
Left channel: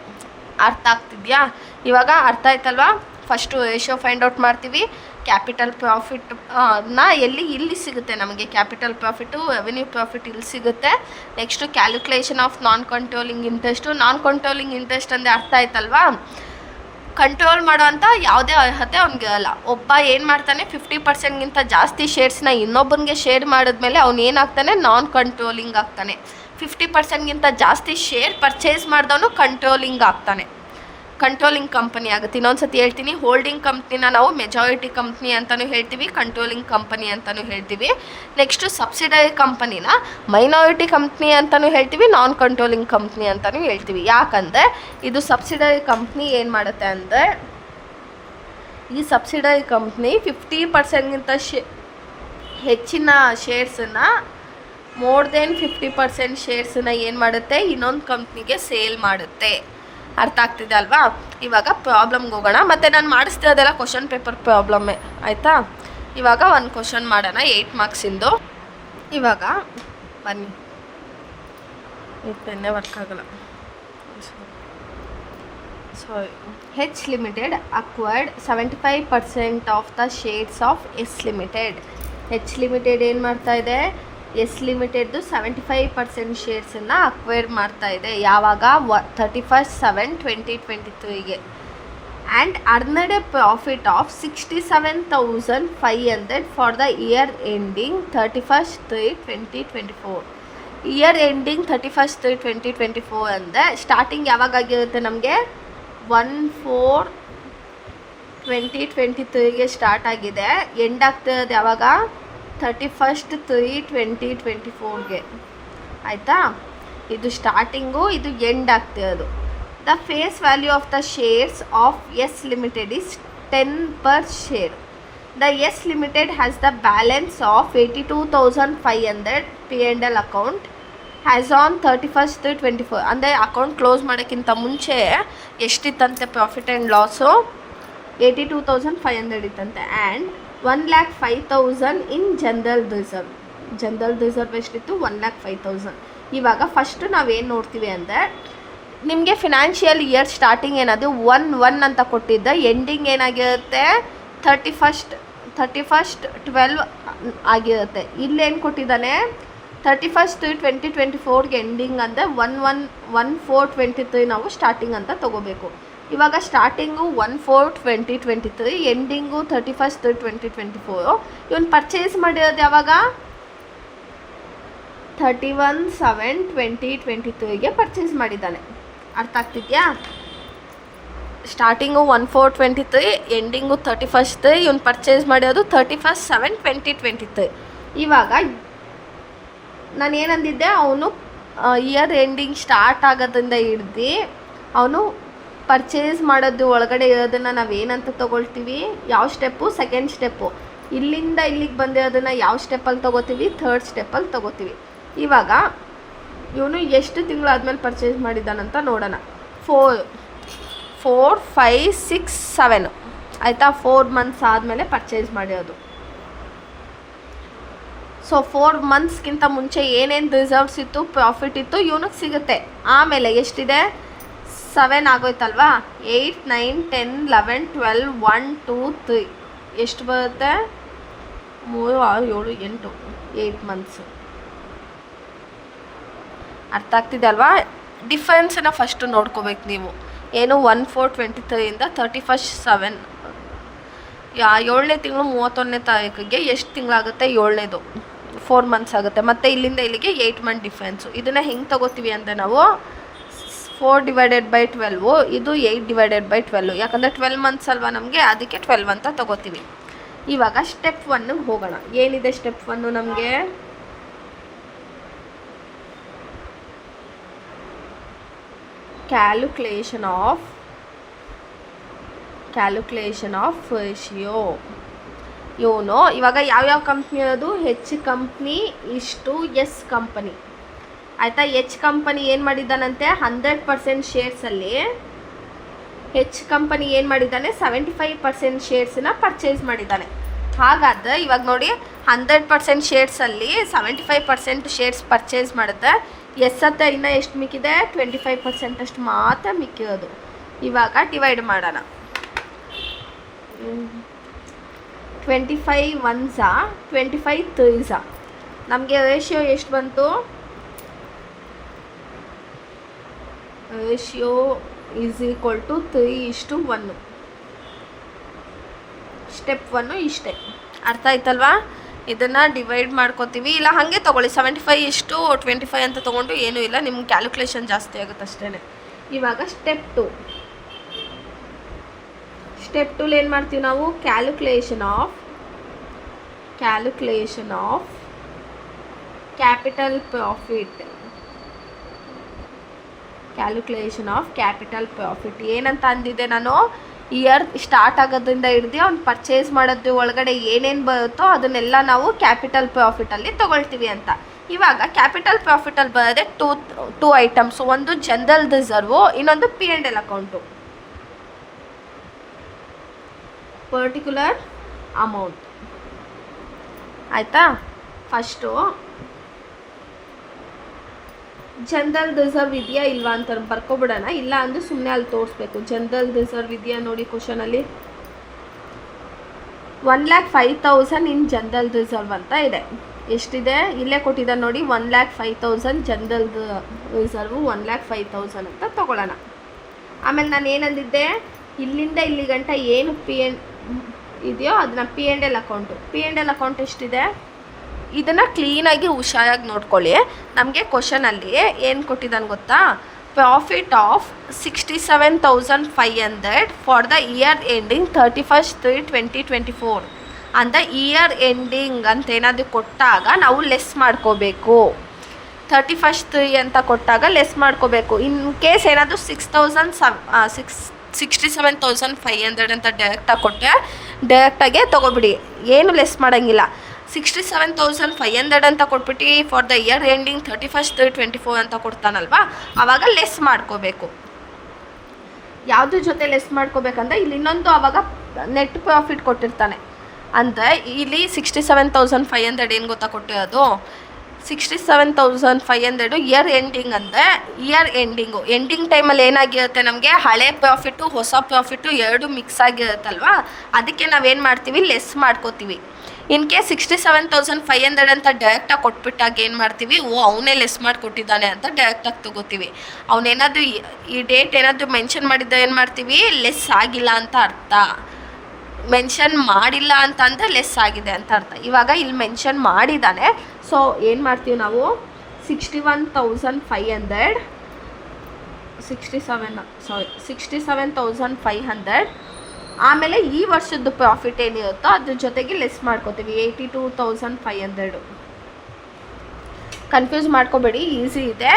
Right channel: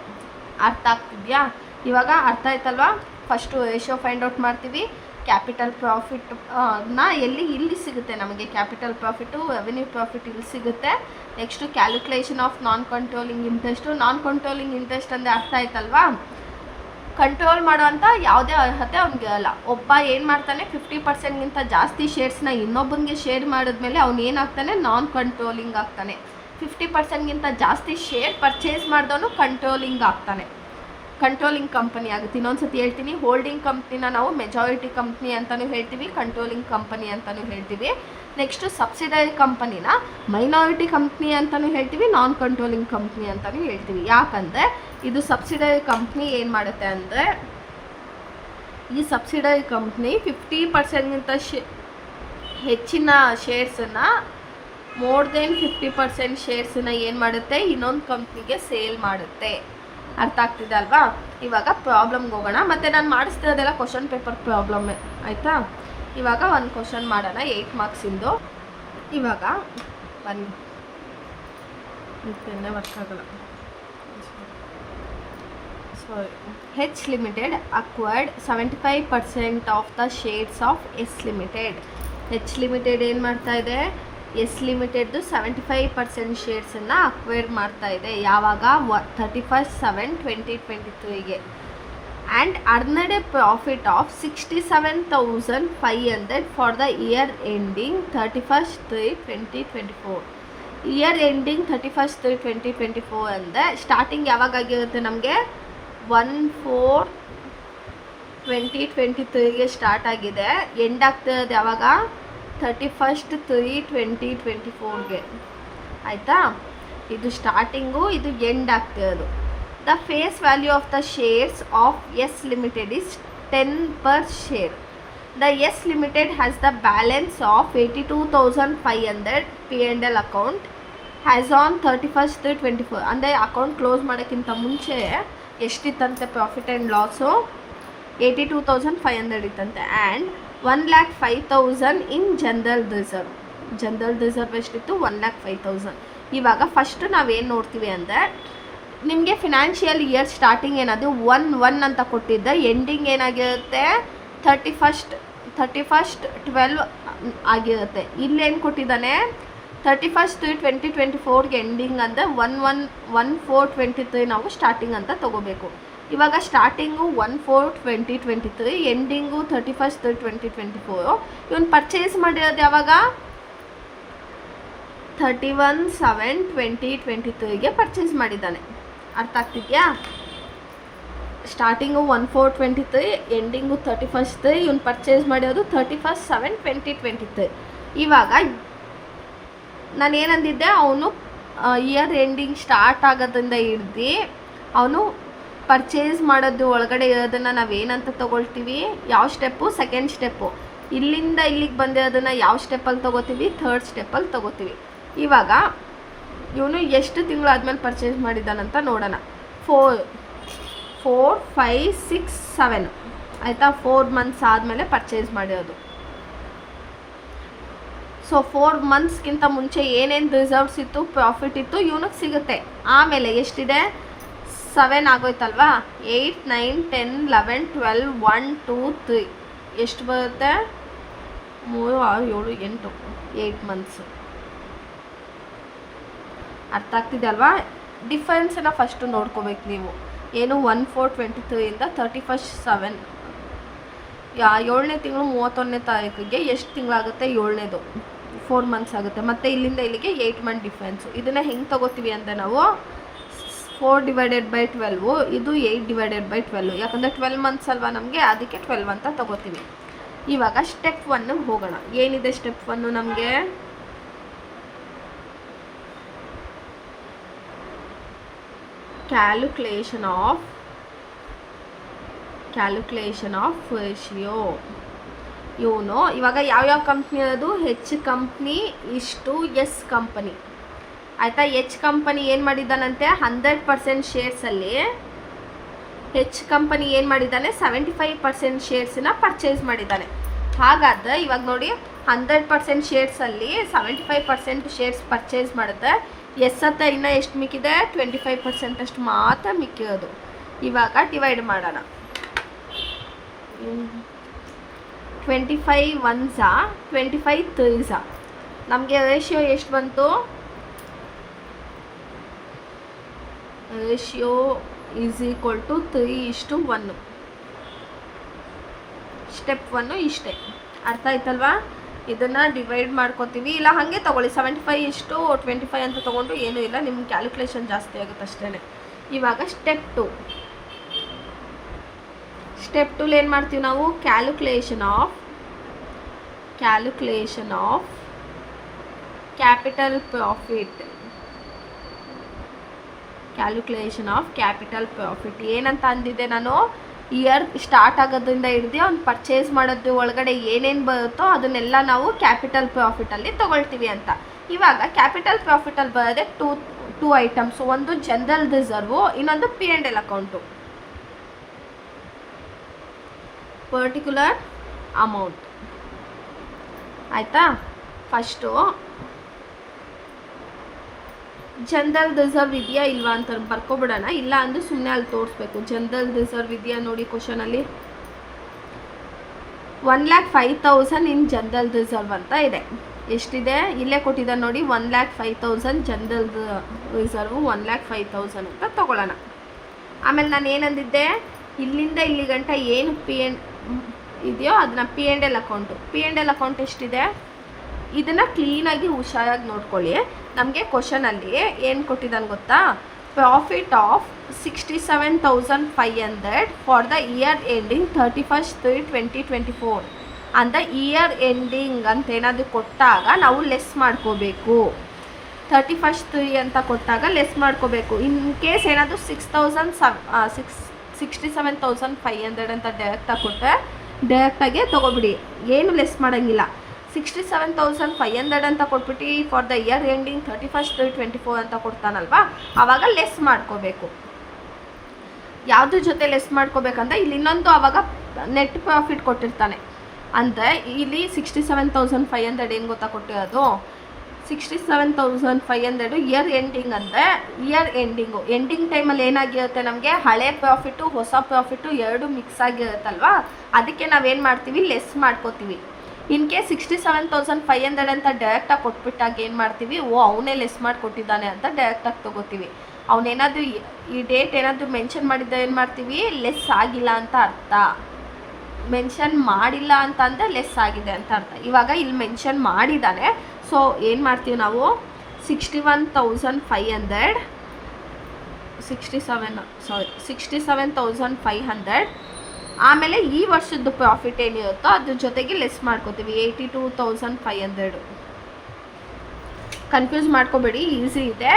ಅರ್ಥ ಆಗ್ತಿದೆಯಾ? ಇವಾಗ ಅರ್ಥ ಆಯ್ತಲ್ವಾ? ಫಸ್ಟು ರೇಷಿಯೋ ಫೈಂಡ್ ಔಟ್ ಮಾಡ್ತೀವಿ. ಕ್ಯಾಪಿಟಲ್ ಪ್ರಾಫಿಟ್ ಇಲ್ಲಿ ಸಿಗುತ್ತೆ ನಮಗೆ. ಕ್ಯಾಪಿಟಲ್ ಪ್ರಾಫಿಟು, ರೆವೆನ್ಯೂ ಪ್ರಾಫಿಟ್ ಇಲ್ಲಿ ಸಿಗುತ್ತೆ. Next calculation of non controlling interest. Non controlling interest ಅಂದರೆ ಅರ್ಥ ಆಯ್ತಲ್ವಾ? ಕಂಟ್ರೋಲ್ ಮಾಡೋವಂಥ ಯಾವುದೇ ಅರ್ಹತೆ ಅವ್ನಿಗಿರಲ್ಲ. ಒಬ್ಬ ಏನು ಮಾಡ್ತಾನೆ? 50%ಗಿಂತ ಜಾಸ್ತಿ ಶೇರ್ಸ್ನ ಇನ್ನೊಬ್ಬನಿಗೆ ಶೇರ್ ಮಾಡಿದ್ಮೇಲೆ ಅವ್ನು ಏನಾಗ್ತಾನೆ? ನಾನ್ ಕಂಟ್ರೋಲಿಂಗ್ ಆಗ್ತಾನೆ. 50%ಗಿಂತ ಜಾಸ್ತಿ ಶೇರ್ ಪರ್ಚೇಸ್ ಮಾಡಿದವನು ಕಂಟ್ರೋಲಿಂಗ್ ಆಗ್ತಾನೆ, ಕಂಟ್ರೋಲಿಂಗ್ ಕಂಪನಿ ಆಗುತ್ತೆ. ಇನ್ನೊಂದ್ಸತಿ ಹೇಳ್ತೀನಿ, ಹೋಲ್ಡಿಂಗ್ ಕಂಪ್ನಿನ ನಾವು ಮೆಜಾರಿಟಿ ಕಂಪ್ನಿ ಅಂತಲೂ ಹೇಳ್ತೀವಿ, ಕಂಟ್ರೋಲಿಂಗ್ ಕಂಪನಿ ಅಂತಲೂ ಹೇಳ್ತೀವಿ. ನೆಕ್ಸ್ಟು ಸಬ್ಸಿಡರಿ ಕಂಪನಿನ ಮೈನಾರಿಟಿ ಕಂಪ್ನಿ ಅಂತಲೂ ಹೇಳ್ತೀವಿ, ನಾನ್ ಕಂಟ್ರೋಲಿಂಗ್ ಕಂಪ್ನಿ ಅಂತಲೂ ಹೇಳ್ತೀವಿ. ಯಾಕಂದರೆ ಇದು ಸಬ್ಸಿಡರಿ ಕಂಪ್ನಿ ಏನು ಮಾಡುತ್ತೆ ಅಂದರೆ, ಈ ಸಬ್ಸಿಡರಿ ಕಂಪ್ನಿ 50%ಗಿಂತ ಹೆಚ್ಚಿನ ಶೇರ್ಸನ್ನು, ಮೋರ್ ದೆನ್ 50% ಶೇರ್ಸನ್ನು ಏನು ಮಾಡುತ್ತೆ? ಇನ್ನೊಂದು ಕಂಪ್ನಿಗೆ ಸೇಲ್ ಮಾಡುತ್ತೆ. ಅರ್ಥ ಆಗ್ತಿದೆ ಅಲ್ವಾ? ಇವಾಗ ಪ್ರಾಬ್ಲಮ್ಗೆ ಹೋಗೋಣ. ಮತ್ತು ನಾನು ಮಾಡಿಸ್ತಾ ಅದೆಲ್ಲ ಕ್ವಶನ್ ಪೇಪರ್ ಪ್ರಾಬ್ಲಮ್ಮೇ. ಆಯಿತಾ? ಇವಾಗ ಒಂದು ಕ್ವಶನ್ ಮಾಡೋಣ 8 ಮಾರ್ಕ್ಸಿಂದು. ಇವಾಗ ಬನ್ನಿ, ಪೆನ್ನೇ ವರ್ಕ್ ಆಗಲ್ಲ, sorry, H limited acquired 75% of the shares of S limited. H limited ಏನು ಮಾಡ್ತಾ ಇದೆ, ಎಸ್ ಲಿಮಿಟೆಡ್ದು 75% ಶೇರ್ಸನ್ನು ಅಕ್ವೈರ್ ಮಾಡ್ತಾ ಇದೆ. ಯಾವಾಗ 31/7/2023ಗೆ. And earned a profit of 67,500 for the year ending 31/3/2024. Year ending 31/3/2024 ಅಂದರೆ ಸ್ಟಾರ್ಟಿಂಗ್ ಯಾವಾಗ ಆಗಿರುತ್ತೆ ನಮಗೆ 1/4/2023ಗೆ ಸ್ಟಾರ್ಟ್ ಆಗಿದೆ. ಎಂಡ್ ಆಗ್ತಿರೋದು ಯಾವಾಗ 31/3/2024ಗೆ. ಆಯಿತಾ, ಇದು ಸ್ಟಾರ್ಟಿಂಗು, ಇದು ಎಂಡ್ ಆಗ್ತಿರೋದು. The face value of the shares of S limited is 10 per share. The S Limited has the balance of 82,500 P&L account as on 31/3/24. ಅಂದರೆ ಅಕೌಂಟ್ ಕ್ಲೋಸ್ ಮಾಡೋಕ್ಕಿಂತ ಮುಂಚೆ ಎಷ್ಟಿತ್ತಂತೆ ಪ್ರಾಫಿಟ್ ಆ್ಯಂಡ್ ಲಾಸು, 82,500 ಇತ್ತಂತೆ. And 1,05,000 in general reserve. General reserve ಎಷ್ಟಿತ್ತು, 1,05,000. ಇವಾಗ first ನಾವೇನು ನೋಡ್ತೀವಿ ಅಂದರೆ, ನಿಮಗೆ ಫಿನಾನ್ಷಿಯಲ್ ಇಯರ್ ಸ್ಟಾರ್ಟಿಂಗ್ ಏನದು 1/1 ಅಂತ ಕೊಟ್ಟಿದ್ದ, ಎಂಡಿಂಗ್ ಏನಾಗಿರುತ್ತೆ 31/12 ಆಗಿರುತ್ತೆ. ಇಲ್ಲೇನು ಕೊಟ್ಟಿದ್ದಾನೆ 31/3/2024ಗೆ ಎಂಡಿಂಗ್ ಅಂದರೆ 1/4/23 ನಾವು ಸ್ಟಾರ್ಟಿಂಗ್ ಅಂತ ತೊಗೋಬೇಕು. ಇವಾಗ ಸ್ಟಾರ್ಟಿಂಗು 1/4/2023, ಎಂಡಿಂಗು 31/3/2024. ಇವನು ಪರ್ಚೇಸ್ ಮಾಡಿರೋದು ಯಾವಾಗ 31/7/2023ಗೆ ಪರ್ಚೇಸ್ ಮಾಡಿದ್ದಾನೆ. ಅರ್ಥ ಆಗ್ತಿದೆಯಾ? Starting 1/4/23, ending 31/3. ಇವನು ಪರ್ಚೇಸ್ ಮಾಡಿರೋದು 31/7/2023. ಇವಾಗ ನಾನು ಏನಂದಿದ್ದೆ, ಅವನು ಇಯರ್ ಎಂಡಿಂಗ್ ಸ್ಟಾರ್ಟ್ ಆಗೋದ್ರಿಂದ ಹಿಡ್ದು ಅವನು ಪರ್ಚೇಸ್ ಮಾಡೋದು ಒಳಗಡೆ ಇರೋದನ್ನು ನಾವೇನಂತ ತೊಗೊಳ್ತೀವಿ, ಯಾವ ಸ್ಟೆಪ್ಪು, ಸೆಕೆಂಡ್ ಸ್ಟೆಪ್ಪು. ಇಲ್ಲಿಂದ ಇಲ್ಲಿಗೆ ಬಂದಿರೋದನ್ನು ಯಾವ ಸ್ಟೆಪ್ಪಲ್ಲಿ ತೊಗೋತೀವಿ, ಥರ್ಡ್ ಸ್ಟೆಪ್ಪಲ್ಲಿ ತೊಗೋತೀವಿ. ಇವಾಗ ಇವನು ಎಷ್ಟು ತಿಂಗಳಾದ್ಮೇಲೆ ಪರ್ಚೇಸ್ ಮಾಡಿದ್ದಾನಂತ ನೋಡೋಣ. 4, 5, 6, 7 ಆಯಿತಾ, 4 months ಆದಮೇಲೆ ಪರ್ಚೇಸ್ ಮಾಡಿರೋದು. ಸೊ 4 monthsಗಿಂತ ಮುಂಚೆ ಏನೇನು ರಿಸರ್ವ್ಸ್ ಇತ್ತು, ಪ್ರಾಫಿಟ್ ಇತ್ತು, ಇವನಿಗೆ ಸಿಗುತ್ತೆ. ಆಮೇಲೆ ಎಷ್ಟಿದೆ, 7 ಆಗೋಯ್ತಲ್ವಾ, 8, 9, 10, 11, 12, 1, 2, 3 ಎಷ್ಟು ಬರುತ್ತೆ, 3, 6, 7, 8, 8 months. ಅರ್ಥ ಆಗ್ತಿದೆ ಅಲ್ವಾ? ಡಿಫ್ರೆನ್ಸನ್ನು ಫಸ್ಟು ನೋಡ್ಕೋಬೇಕು ನೀವು. ಏನು 1/4/23ಇಂದ 31/7, 7ನೇ ತಿಂಗಳು 31ನೇ ತಾರೀಕಿಗೆ ಎಷ್ಟು ತಿಂಗಳಾಗುತ್ತೆ, 7ನೇದು 4 months ಆಗುತ್ತೆ. ಮತ್ತು ಇಲ್ಲಿಂದ ಇಲ್ಲಿಗೆ 8 month ಡಿಫ್ರೆನ್ಸು. ಇದನ್ನು ಹೆಂಗೆ ತೊಗೋತೀವಿ ಅಂದರೆ ನಾವು 4/12, ಇದು 8/12. ಯಾಕಂದರೆ 12 months ಅಲ್ವಾ ನಮಗೆ, ಅದಕ್ಕೆ 12 ಅಂತ ತೊಗೋತೀವಿ. ಇವಾಗ ಸ್ಟೆಪ್ 1ಗೆ ಹೋಗೋಣ. ಏನಿದೆ ಸ್ಟೆಪ್ 1 ನಮಗೆ, ಕ್ಯಾಲ್ಕುಲೇಷನ್ ಆಫ್ ರೇಷಿಯೋ. ಇವನು ಇವಾಗ ಯಾವ್ಯಾವ ಕಂಪ್ನಿ ಅದು, ಹೆಚ್ ಕಂಪ್ನಿ ಇಷ್ಟು ಎಸ್ ಕಂಪನಿ. ಆಯಿತಾ, ಹೆಚ್ ಕಂಪನಿ ಏನು ಮಾಡಿದ್ದಾನಂತೆ, 100% ಶೇರ್ಸಲ್ಲಿ ಹೆಚ್ ಕಂಪನಿ ಏನು ಮಾಡಿದ್ದಾನೆ, 75% ಶೇರ್ಸನ್ನ ಪರ್ಚೇಸ್ ಮಾಡಿದ್ದಾನೆ. ಹಾಗಾದರೆ ಇವಾಗ ನೋಡಿ, 100% ಶೇರ್ಸಲ್ಲಿ 75% ಶೇರ್ಸ್ ಪರ್ಚೇಸ್ ಮಾಡುತ್ತೆ. ಎಸ್ ಹತ್ರ ಇನ್ನೂ ಎಷ್ಟು ಮಿಕ್ಕಿದೆ, 25% ಅಷ್ಟು ಮಾತ್ರ ಮಿಕ್ಕಿರೋದು. ಇವಾಗ ಡಿವೈಡ್ ಮಾಡೋಣ. 25 1s, 25 3s. ನಮಗೆ ರೇಷಿಯೋ ಎಷ್ಟು ಬಂತು, ratio is equal to 3:1. Step 1 ಇಷ್ಟೇ. ಅರ್ಥ ಆಯ್ತಲ್ವಾ? ಇದನ್ನು ಡಿವೈಡ್ ಮಾಡ್ಕೋತೀವಿ, ಇಲ್ಲ ಹಾಗೆ ತೊಗೊಳ್ಳಿ. 75:25 ಅಂತ ತೊಗೊಂಡು ಏನೂ ಇಲ್ಲ, ನಿಮ್ಗೆ ಕ್ಯಾಲ್ಕುಲೇಷನ್ ಜಾಸ್ತಿ ಆಗುತ್ತೆ ಅಷ್ಟೇ. ಇವಾಗ ಸ್ಟೆಪ್ 2 ಏನು ಮಾಡ್ತೀವಿ ನಾವು, ಕ್ಯಾಲ್ಕುಲೇಷನ್ ಆಫ್ ಕ್ಯಾಪಿಟಲ್ ಪ್ರಾಫಿಟ್. ಏನಂತ ಅಂದಿದ್ದೆ ನಾನು, ಇಯರ್ ಸ್ಟಾರ್ಟ್ ಆಗೋದ್ರಿಂದ ಹಿಡ್ದು ಅವ್ನು ಪರ್ಚೇಸ್ ಮಾಡೋದು ಒಳಗಡೆ ಏನೇನು ಬರುತ್ತೋ ಅದನ್ನೆಲ್ಲ ನಾವು ಕ್ಯಾಪಿಟಲ್ ಪ್ರಾಫಿಟಲ್ಲಿ ತೊಗೊಳ್ತೀವಿ ಅಂತ. ಇವಾಗ ಕ್ಯಾಪಿಟಲ್ ಪ್ರಾಫಿಟಲ್ಲಿ ಬರೋದೆ ಟೂ ಐಟಮ್ಸು. ಒಂದು ಜನರಲ್ ರಿಸರ್ವು, ಇನ್ನೊಂದು P&L ಅಕೌಂಟು. Particular amount. ಆಯಿತಾ, ಫಸ್ಟು ಜನರಲ್ ರಿಸರ್ವ್ ಇದೆಯಾ ಇಲ್ವಾ ಅಂತ ಬರ್ಕೊಬಿಡೋಣ. ಇಲ್ಲ ಅಂದರೆ ಸುಮ್ಮನೆ ಅಲ್ಲಿ ತೋರಿಸ್ಬೇಕು. ಜನರಲ್ ರಿಸರ್ವ್ ಇದೆಯಾ ನೋಡಿ ಕ್ವಶನಲ್ಲಿ. 1,05,000 ಇನ್ ಜನರಲ್ ರಿಸರ್ವ್ ಅಂತ ಇದೆ. ಎಷ್ಟಿದೆ ಇಲ್ಲೇ ಕೊಟ್ಟಿದ್ದಾರೆ ನೋಡಿ, 1,05,000 ಜನರಲ್ ರಿಸರ್ವು 1,05,000 ಅಂತ ತೊಗೊಳ್ಳೋಣ. ಆಮೇಲೆ ನಾನು ಏನಂದಿದ್ದೆ, ಇಲ್ಲಿಂದ ಇಲ್ಲಿ ಗಂಟ ಏನು ಇದೆಯೋ ಅದನ್ನ P&L ಅಕೌಂಟು. P&L ಅಕೌಂಟ್ ಎಷ್ಟಿದೆ ಇದನ್ನು ಕ್ಲೀನಾಗಿ ಹುಷಾರಾಗಿ ನೋಡ್ಕೊಳ್ಳಿ. ನಮಗೆ ಕ್ವಶನಲ್ಲಿ ಏನು ಕೊಟ್ಟಿದ್ದಾನೆ ಗೊತ್ತಾ, profit of 67,500 for the year ending 31/3/2024 ಅಂತ ಇಯರ್ ಎಂಡಿಂಗ್ ಅಂತ ಏನಾದರೂ ಕೊಟ್ಟಾಗ ನಾವು ಲೆಸ್ ಮಾಡ್ಕೋಬೇಕು. 31/3 ಅಂತ ಕೊಟ್ಟಾಗ ಲೆಸ್ ಮಾಡ್ಕೋಬೇಕು. ಇನ್ ಕೇಸ್ ಏನಾದರೂ 67,500 ಅಂತ ಡೈರೆಕ್ಟಾಗಿ ಕೊಟ್ಟರೆ ಡೈರೆಕ್ಟಾಗೆ ತೊಗೊಬಿಡಿ, ಏನು ಲೆಸ್ ಮಾಡೋಂಗಿಲ್ಲ. 67,500 ಅಂತ ಕೊಟ್ಬಿಟ್ಟು ಫಾರ್ ದ ಇಯರ್ ಎಂಡಿಂಗ್ 31/3/24 ಅಂತ ಕೊಡ್ತಾನಲ್ವಾ, ಆವಾಗ ಲೆಸ್ ಮಾಡ್ಕೋಬೇಕು. ಯಾವುದ್ರ ಜೊತೆ ಲೆಸ್ ಮಾಡ್ಕೋಬೇಕಂದ್ರೆ ಇಲ್ಲಿ ಇನ್ನೊಂದು ಆವಾಗ ನೆಟ್ ಪ್ರಾಫಿಟ್ ಕೊಟ್ಟಿರ್ತಾನೆ. ಅಂದರೆ ಇಲ್ಲಿ 67,500 ಏನು ಗೊತ್ತಾ ಕೊಟ್ಟಿರೋದು, 67,500 ಇಯರ್ ಎಂಡಿಂಗ್ ಅಂದರೆ ಇಯರ್ ಎಂಡಿಂಗ್ ಟೈಮಲ್ಲಿ ಏನಾಗಿರುತ್ತೆ, ನಮಗೆ ಹಳೆ ಪ್ರಾಫಿಟ್ಟು ಹೊಸ ಪ್ರಾಫಿಟ್ಟು ಎರಡು ಮಿಕ್ಸ್ ಆಗಿರುತ್ತಲ್ವ, ಅದಕ್ಕೆ ನಾವೇನು ಮಾಡ್ತೀವಿ, ಲೆಸ್ ಮಾಡ್ಕೋತೀವಿ. ಇನ್ ಕೇಸ್ 67,500 ಅಂತ ಡೈರೆಕ್ಟಾಗಿ ಕೊಟ್ಬಿಟ್ಟಾಗ ಏನು ಮಾಡ್ತೀವಿ, ಅವನೇ ಲೆಸ್ ಮಾಡಿಕೊಟ್ಟಿದ್ದಾನೆ ಅಂತ ಡೈರೆಕ್ಟಾಗಿ ತೊಗೋತೀವಿ. ಅವನೇನಾದರೂ ಈ ಡೇಟ್ ಏನಾದರೂ ಮೆನ್ಷನ್ ಮಾಡಿದ್ದ ಏನು ಮಾಡ್ತೀವಿ, ಲೆಸ್ ಆಗಿಲ್ಲ ಅಂತ ಅರ್ಥ. ಮೆನ್ಷನ್ ಮಾಡಿಲ್ಲ ಅಂತ ಅಂದರೆ ಲೆಸ್ ಆಗಿದೆ ಅಂತ ಅರ್ಥ. ಇವಾಗ ಇಲ್ಲಿ ಮೆನ್ಷನ್ ಮಾಡಿದ್ದಾನೆ, ಸೊ ಏನು ಮಾಡ್ತೀವಿ ನಾವು, 67,500 ಆಮೇಲೆ ಈ ವರ್ಷದ್ದು ಪ್ರಾಫಿಟ್ ಏನಿರುತ್ತೋ ಅದ್ರ ಜೊತೆಗೆ ಲೆಸ್ ಮಾಡ್ಕೋತೀವಿ 82,500. ಕನ್ಫ್ಯೂಸ್ ಮಾಡ್ಕೋಬೇಡಿ, ಈಸಿ ಇದೆ.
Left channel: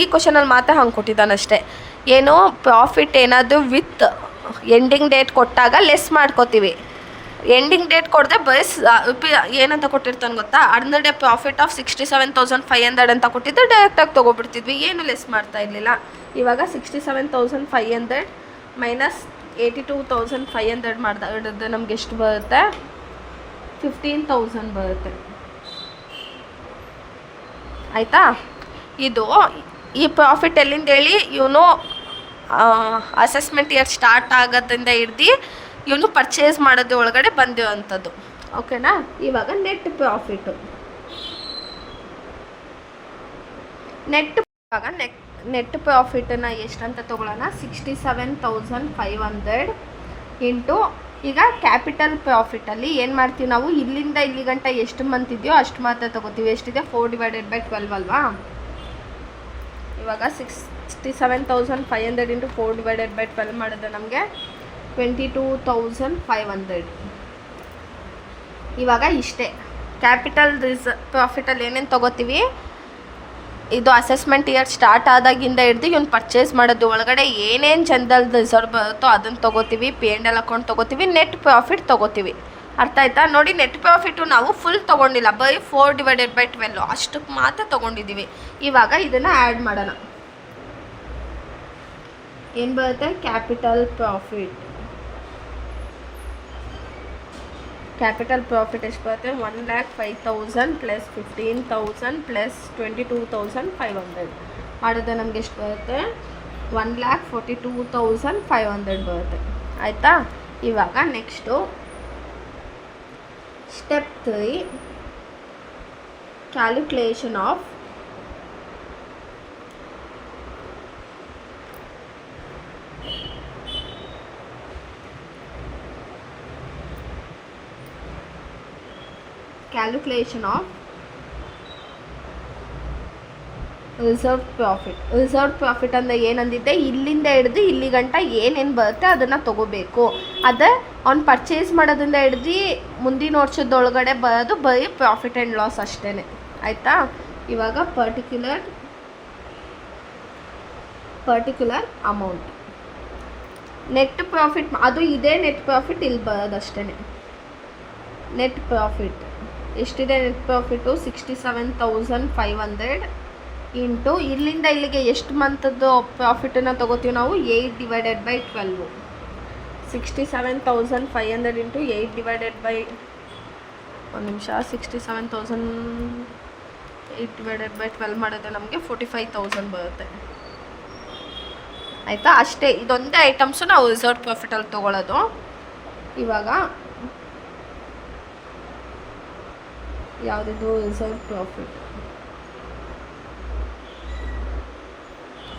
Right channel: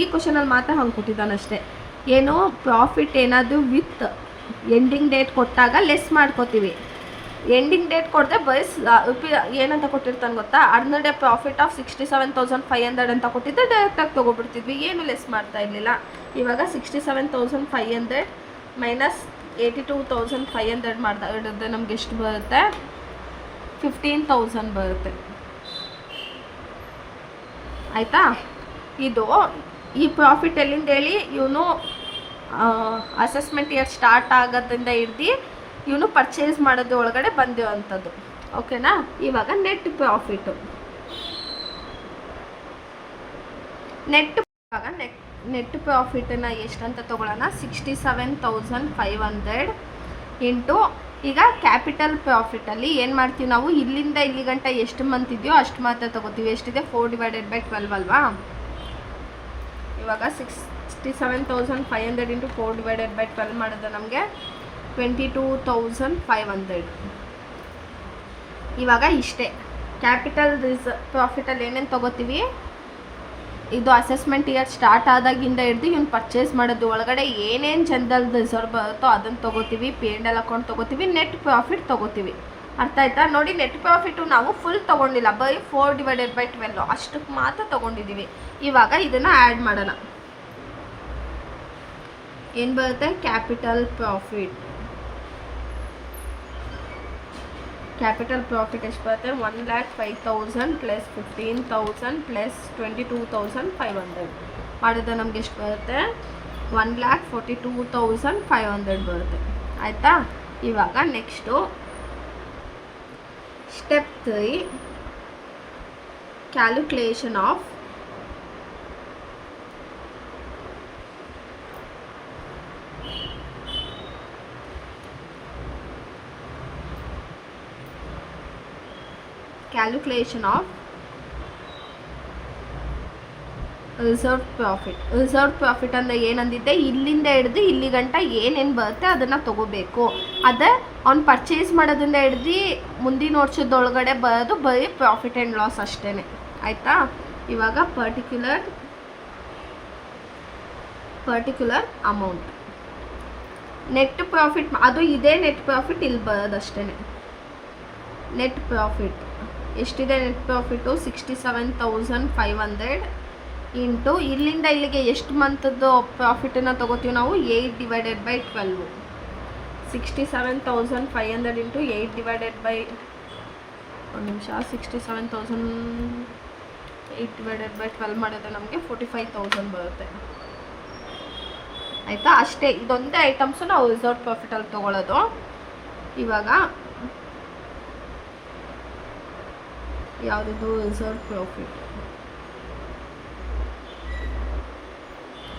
ಈ ಕ್ವಶನಲ್ಲಿ ಮಾತ್ರ ಹಂಗೆ ಕೊಟ್ಟಿದ್ದಾನಷ್ಟೇ. ಏನು ಪ್ರಾಫಿಟ್ ಏನಾದರೂ ವಿತ್ ಎಂಡಿಂಗ್ ಡೇಟ್ ಕೊಟ್ಟಾಗ ಲೆಸ್ ಮಾಡ್ಕೋತೀವಿ. ಎಂಡಿಂಗ್ ಡೇಟ್ ಕೊಡದೆ ಬಸ್ ಏನಂತ ಕೊಟ್ಟಿರ್ತಾನೆ ಗೊತ್ತಾ, ಅರ್ನಡೆ ಪ್ರಾಫಿಟ್ ಆಫ್ 67,500 ಅಂತ ಕೊಟ್ಟಿದ್ದರೆ ಡೈರೆಕ್ಟಾಗಿ ತೊಗೊಬಿಡ್ತಿದ್ವಿ, ಏನು ಲೆಸ್ ಮಾಡ್ತಾ ಇರಲಿಲ್ಲ. ಇವಾಗ 67,500 ಮೈನಸ್ 82,500 ಮಾಡಿದ್ರೆ ನಮ್ಗೆ ಎಷ್ಟು ಬರುತ್ತೆ, 15,000 ಬರುತ್ತೆ. ಆಯಿತಾ, ಇದು ಈ ಪ್ರಾಫಿಟ್ ಎಲ್ಲಿಂದ ಹೇಳಿ, ಇವನು ಅಸೆಸ್ಮೆಂಟ್ ಇಯರ್ ಸ್ಟಾರ್ಟ್ ಆಗೋದ್ರಿಂದ ಹಿಡ್ದು ಇವನು ಪರ್ಚೇಸ್ ಮಾಡೋದು ಒಳಗಡೆ ಬಂದಿರೋವಂಥದ್ದು. ಓಕೆನಾ. ಇವಾಗ ನೆಟ್ ಪ್ರಾಫಿಟು, ನೆಟ್ ಪ್ರಾಫಿಟನ್ನು ಎಷ್ಟಂತ ತೊಗೊಳ್ಳೋಣ, 67,500 ಇಂಟು ಈಗ ಕ್ಯಾಪಿಟಲ್ ಪ್ರಾಫಿಟಲ್ಲಿ ಏನು ಮಾಡ್ತೀವಿ ನಾವು, ಇಲ್ಲಿಂದ ಇಲ್ಲಿ ಗಂಟ ಎಷ್ಟು ಮಂತ್ ಇದೆಯೋ ಅಷ್ಟು ಮಾತ್ರ ತೊಗೋತೀವಿ. ಎಷ್ಟಿದೆ, 4/12 ಅಲ್ವಾ. ಇವಾಗ 67,500 ಇಂಟು 4/12 ಮಾಡಿದ್ರೆ ನಮಗೆ 22,500. ಇವಾಗ ಇಷ್ಟೇ ಕ್ಯಾಪಿಟಲ್ ಪ್ರಾಫಿಟಲ್ಲಿ ಏನೇನು ತೊಗೋತೀವಿ, ಇದು ಅಸೆಸ್ಮೆಂಟ್ ಇಯರ್ ಸ್ಟಾರ್ಟ್ ಆದಾಗಿಂದ ಹಿಡ್ದು ಇವನು ಪರ್ಚೇಸ್ ಮಾಡೋದು ಒಳಗಡೆ ಏನೇನು ಜನರಲ್ ರಿಸರ್ವ್ ಬರುತ್ತೋ ಅದನ್ನು ತೊಗೋತೀವಿ, P&L ಅಕೌಂಟ್ ತೊಗೋತೀವಿ, ನೆಟ್ ಪ್ರಾಫಿಟ್ ತೊಗೋತೀವಿ. ಅರ್ಥ ಆಯ್ತಾ ನೋಡಿ. ನೆಟ್ ಪ್ರಾಫಿಟು ನಾವು ಫುಲ್ ತೊಗೊಂಡಿಲ್ಲ, ಬೈ 4/12 ಅಷ್ಟಕ್ಕೆ ಮಾತ್ರ ತೊಗೊಂಡಿದ್ದೀವಿ. ಇವಾಗ ಇದನ್ನು ಆ್ಯಡ್ ಮಾಡೋಣ. ಏನು ಬರುತ್ತೆ, ಕ್ಯಾಪಿಟಲ್ ಪ್ರಾಫಿಟ್ ಎಷ್ಟು ಬರುತ್ತೆ, 1,05,000 ಪ್ಲಸ್ 15,000 ಪ್ಲಸ್ 22,500 ಮಾಡಿದ್ರೆ ನಮ್ಗೆ ಎಷ್ಟು ಬರುತ್ತೆ, 1,42,500 ಬರುತ್ತೆ. ಆಯಿತಾ. ಇವಾಗ next step 3, calculation of reserve profit ಅಂದರೆ ಏನಂದಿದ್ದೆ, ಇಲ್ಲಿಂದ ಹಿಡ್ದು ಇಲ್ಲಿ ಗಂಟ ಏನೇನು ಬರುತ್ತೆ ಅದನ್ನು ತೊಗೋಬೇಕು. ಅದೇ ಅವ್ನು ಪರ್ಚೇಸ್ ಮಾಡೋದ್ರಿಂದ ಹಿಡ್ದು ಮುಂದಿನ ವರ್ಷದೊಳಗಡೆ ಬರೋದು ಬರೀ ಪ್ರಾಫಿಟ್ ಆ್ಯಂಡ್ ಲಾಸ್ ಅಷ್ಟೇ. ಆಯಿತಾ. ಇವಾಗ ಪರ್ಟಿಕ್ಯುಲರ್ ಅಮೌಂಟ್ ನೆಟ್ ಪ್ರಾಫಿಟ್, ಅದು ಇದೇ ನೆಟ್ ಪ್ರಾಫಿಟ್ ಇಲ್ಲಿ ಬರೋದಷ್ಟೇ. ನೆಟ್ ಪ್ರಾಫಿಟ್ ಎಷ್ಟಿದೆ, ನೆಟ್ ಪ್ರಾಫಿಟು 67,500 ಇಂಟು ಇಲ್ಲಿಂದ ಇಲ್ಲಿಗೆ ಎಷ್ಟು ಮಂತದ್ದು ಪ್ರಾಫಿಟನ್ನು ತೊಗೋತೀವಿ ನಾವು, 8/12. 67,500 ಇಂಟು 8 67,000 8/12 ಮಾಡಿದ್ರೆ ನಮಗೆ 45,000 ಬರುತ್ತೆ. ಆಯಿತಾ? ಅಷ್ಟೇ, ಇದೊಂದೇ ಐಟಮ್ಸು ನಾವು ರಿಸರ್ವ್ ಪ್ರಾಫಿಟಲ್ಲಿ ತೊಗೊಳ್ಳೋದು. ಇವಾಗ ಯಾವುದಿದು ರಿಸರ್ವ್ ಪ್ರಾಫಿಟ್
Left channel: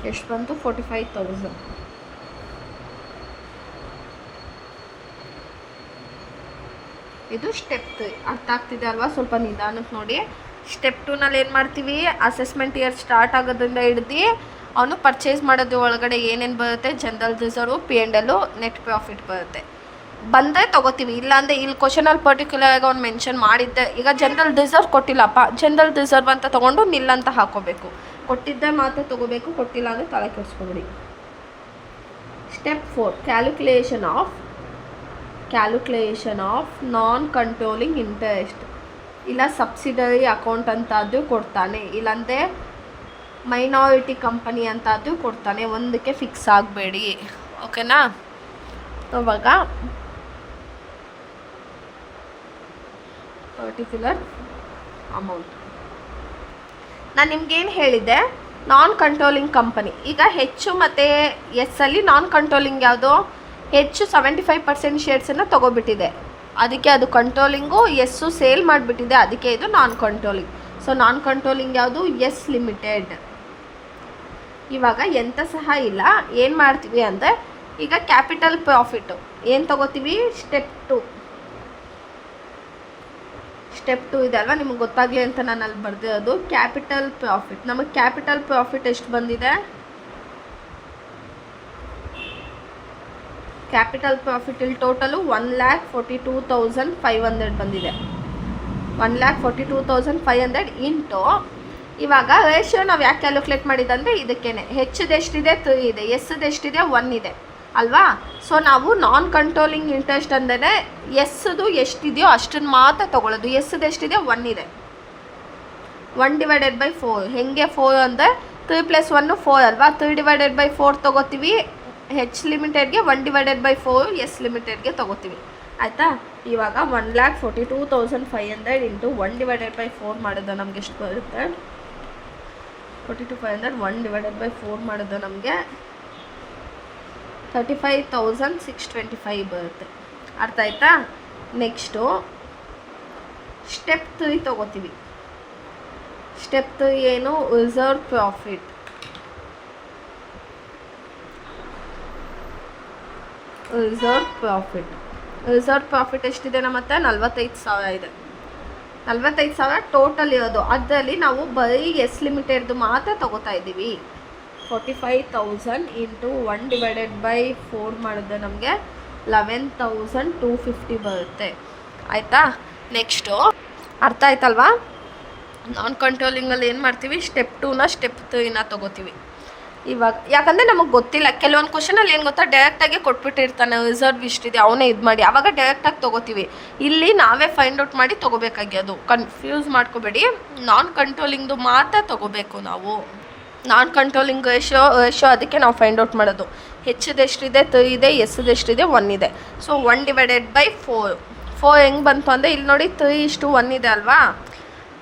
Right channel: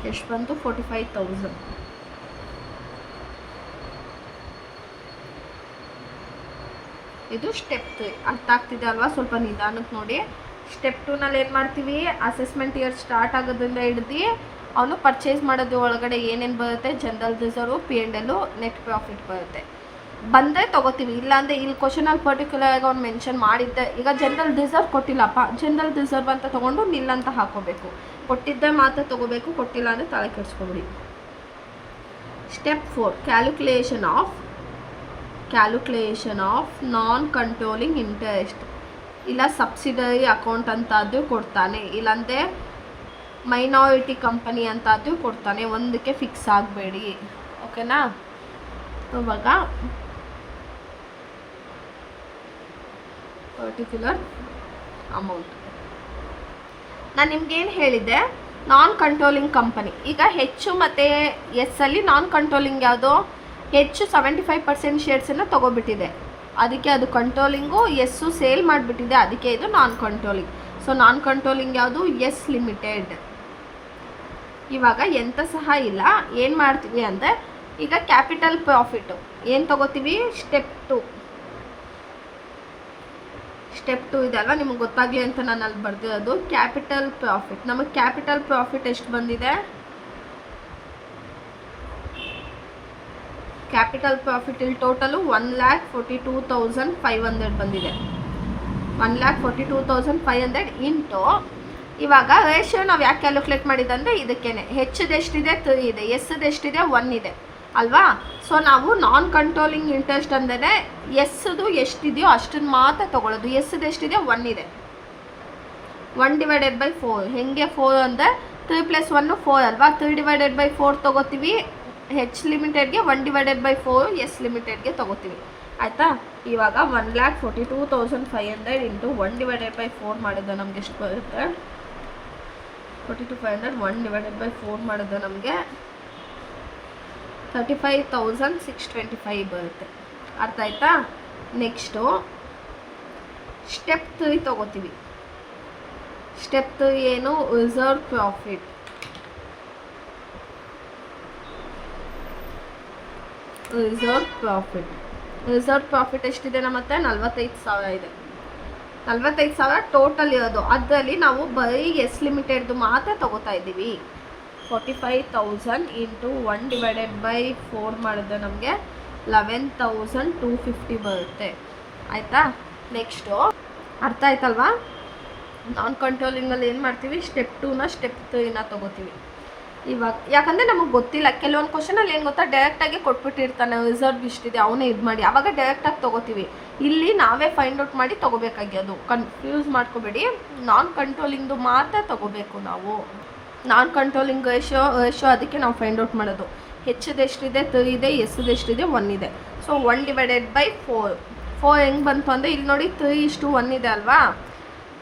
ಎಷ್ಟು ಬಂತು? 45,000. ಇದು ಸ್ಟೆಪ್ 3. ಅರ್ಥ ಆಗ್ತಿದೆ ಅಲ್ವಾ? ಸ್ವಲ್ಪ ನಿಧಾನಕ್ಕೆ ನೋಡಿ. ಸ್ಟೆಪ್ 2ನಲ್ಲಿ ಏನು ಮಾಡ್ತೀವಿ, ಅಸೆಸ್ಮೆಂಟ್ ಇಯರ್ ಸ್ಟಾರ್ಟ್ ಆಗೋದ್ರಿಂದ ಹಿಡ್ದು ಅವನು ಪರ್ಚೇಸ್ ಮಾಡೋದು ಒಳಗಡೆ ಏನೇನು ಬರುತ್ತೆ, general reserve, P&L, net profit ಬರುತ್ತೆ. ಬಂದರೆ ತೊಗೋತೀವಿ, ಇಲ್ಲಾಂದರೆ ಇಲ್ಲಿ ಕ್ವಶನಲ್ಲಿ ಪರ್ಟಿಕ್ಯುಲರಾಗಿ ಅವ್ನು ಮೆನ್ಷನ್ ಮಾಡಿದ್ದೆ. ಈಗ ಜನರಲ್ ರಿಸರ್ವ್ ಕೊಟ್ಟಿಲ್ಲಪ್ಪ, ಜನರಲ್ ರಿಸರ್ವ್ ಅಂತ ತೊಗೊಂಡು ನಿಲ್ ಅಂತ ಹಾಕೋಬೇಕು. ಕೊಟ್ಟಿದ್ದೆ ಮಾತ್ರ ತೊಗೋಬೇಕು, ಕೊಟ್ಟಿಲ್ಲ ಅಂದರೆ ತಲೆ ಕೆಡಿಸ್ಕೊಬಿಡಿ. Step 4 calculation of non controlling interest. ಇಲ್ಲ ಸಬ್ಸಿಡರಿ ಅಕೌಂಟ್ ಅಂತಾದರೂ ಕೊಡ್ತಾನೆ, ಇಲ್ಲಾಂದರೆ ಮೈನಾರಿಟಿ ಕಂಪನಿ ಅಂತಾದರೂ ಕೊಡ್ತಾನೆ. ಒಂದಕ್ಕೆ ಫಿಕ್ಸ್ ಆಗಬೇಡಿ, ಓಕೆನಾ? ಇವಾಗ ಪರ್ಟಿಕ್ಯುಲರ್ ಅಮೌಂಟ್ ನಾನು ನಿಮ್ಗೇನು ಹೇಳಿದ್ದೆ, ನಾನ್ ಕಂಟ್ರೋಲಿಂಗ್ ಕಂಪನಿ. ಈಗ ಹೆಚ್ಚು ಮತ್ತು ಎಸ್ಸಲ್ಲಿ ನಾನ್ ಕಂಟ್ರೋಲಿಂಗ್ ಯಾವುದು, ಹೆಚ್ಚು 75% ಶೇರ್ಸನ್ನು ತೊಗೊಬಿಟ್ಟಿದೆ, ಅದಕ್ಕೆ ಅದು ಕಂಟ್ರೋಲಿಂಗು. ಎಸ್ಸು ಸೇಲ್ ಮಾಡಿಬಿಟ್ಟಿದೆ, ಅದಕ್ಕೆ ಇದು ನಾನ್ ಕಂಟ್ರೋಲಿಂಗ್. ಸೊ ನಾನ್ ಕಂಟ್ರೋಲಿಂಗ್ ಯಾವುದು, ಎಸ್ ಲಿಮಿಟೆಡ್. ಇವಾಗ ಎಂತ ಸಹ ಇಲ್ಲ, ಏನು ಮಾಡ್ತೀವಿ ಅಂದರೆ ಈಗ ಕ್ಯಾಪಿಟಲ್ ಪ್ರಾಫಿಟ್ಟು ಏನು ತೊಗೋತೀವಿ, ಸ್ಟೆಪ್ 2 ಇದೆ ಅಲ್ವಾ, ನಿಮಗೆ ಗೊತ್ತಾಗಲಿ ಅಂತ ನಾನು ಅಲ್ಲಿ ಬರ್ದಿರೋದು. ಕ್ಯಾಪಿಟಲ್ ಪ್ರಾಫಿಟ್, ನಮಗೆ ಕ್ಯಾಪಿಟಲ್ ಪ್ರಾಫಿಟ್ ಎಷ್ಟು ಬಂದಿದೆ, ಕ್ಯಾಪಿಟಲ್ ಪ್ರಾಫಿಟ್ ಇಲ್ಲಿ ಟೋಟಲು 1,42,500 ಬಂದಿದೆ. 1,42,500 ಇಂಟು, ಇವಾಗ ರೇಷಿಯೋ ನಾವು ಯಾಕೆ ಕ್ಯಾಲ್ಕುಲೇಟ್ ಮಾಡಿದಂದರೆ ಇದಕ್ಕೇನೆ. ಹೆಚ್ಚದೆಷ್ಟಿದೆ, 3 ಇದೆ, ಎಸ್ದೆಷ್ಟಿದೆ, 1 ಇದೆ ಅಲ್ವಾ. ಸೊ ನಾವು ನಾನ್ ಕಂಟ್ರೋಲಿಂಗ್ ಇಂಟ್ರೆಸ್ಟ್ ಅಂದರೆ ಎಸ್ದು ಎಷ್ಟಿದೆಯೋ ಅಷ್ಟನ್ನು ಮಾತ್ರ ತೊಗೊಳ್ಳೋದು. ಎಸ್ದೆಷ್ಟಿದೆ, 1 ಇದೆ. 1/4 ಹೆಂಗೆ 4 ಅಂದರೆ 3 + 1 4 ಅಲ್ವಾ. 3/4 ತೊಗೋತೀವಿ ಹೆಚ್ ಲಿಮಿಟೆಡ್ಗೆ, 1/4 ಎಸ್ ಲಿಮಿಟೆಡ್ಗೆ ತೊಗೋತೀವಿ. ಆಯಿತಾ? ಇವಾಗ 1,42,500 ಇಂಟು 1/4 ಮಾಡಿದ್ರೆ ನಮಗೆ ಎಷ್ಟು ಬರುತ್ತೆ, 42,500 1/4 ಮಾಡಿದ್ರೆ ನಮಗೆ 35,625 ಬರುತ್ತೆ. ಅರ್ಥ ಆಯ್ತಾ? ನೆಕ್ಸ್ಟು ಸ್ಟೆಪ್ 3 ತೊಗೋತೀವಿ. ಸ್ಟೆಪ್ 3 ಏನು, ರಿಸರ್ವ್ ಪ್ರಾಫಿಟ್. ರಿಸರ್ವ್ ಪ್ರಾಫಿಟ್ ಎಷ್ಟಿದೆ ನಮ್ಮ ಹತ್ರ, 45,000 ಇದೆ. 45,000 ಟೋಟಲ್ ಇರೋದು. ಅದರಲ್ಲಿ ನಾವು ಬರೀ ಎಸ್ ಲಿಮಿಟೆಡ್ದು ಮಾತ್ರ ತೊಗೋತಾ ಇದ್ದೀವಿ. 45,000 ಇಂಟು 1/4 ಮಾಡಿದ್ರೆ ನಮಗೆ 11,250 ಬರುತ್ತೆ. ಆಯಿತಾ? ನೆಕ್ಸ್ಟು ಅರ್ಥ ಆಯ್ತಲ್ವಾ? ನಾನ್ ಕಂಟ್ರೋಲಿಂಗಲ್ಲಿ ಏನು ಮಾಡ್ತೀವಿ, ಸ್ಟೆಪ್ 2ನ ಸ್ಟೆಪ್ 3ನ ತೊಗೋತೀವಿ. ಇವಾಗ ಯಾಕಂದರೆ ನಮಗೆ ಗೊತ್ತಿಲ್ಲ, ಕೆಲವೊಂದು ಕ್ವಶನಲ್ಲಿ ಏನು ಗೊತ್ತಾ, ಡೈರೆಕ್ಟಾಗಿ ಕೊಟ್ಬಿಟ್ಟಿರ್ತಾನೆ ರಿಸರ್ವ್ ಇಷ್ಟಿದೆ, ಅವನೇ ಇದು ಮಾಡಿ, ಆವಾಗ ಡೈರೆಕ್ಟಾಗಿ ತೊಗೋತೀವಿ. ಇಲ್ಲಿ ನಾವೇ ಫೈಂಡ್ ಔಟ್ ಮಾಡಿ ತೊಗೋಬೇಕಾಗಿ, ಅದು ಕನ್ಫ್ಯೂಸ್ ಮಾಡ್ಕೋಬೇಡಿ. ನಾನ್ ಕಂಟ್ರೋಲಿಂಗ್ದು ಮಾತ್ರ ತೊಗೋಬೇಕು ನಾವು. ನಾನ್ ಕಂಟ್ರೋಲಿಂಗ್ ರೇಷಿಯೋ ಅದಕ್ಕೆ ನಾವು ಫೈಂಡ್ ಔಟ್ ಮಾಡೋದು. ಹೆಚ್ಚದೆಷ್ಟಿದೆ, 3 ಇದೆ, ಎಸ್ದೆಷ್ಟಿದೆ, 1 ಇದೆ. ಸೊ 1/4 ಹೆಂಗೆ ಬಂತು ಅಂದರೆ ಇಲ್ಲಿ ನೋಡಿ, 3:1 ಇದೆ ಅಲ್ವಾ.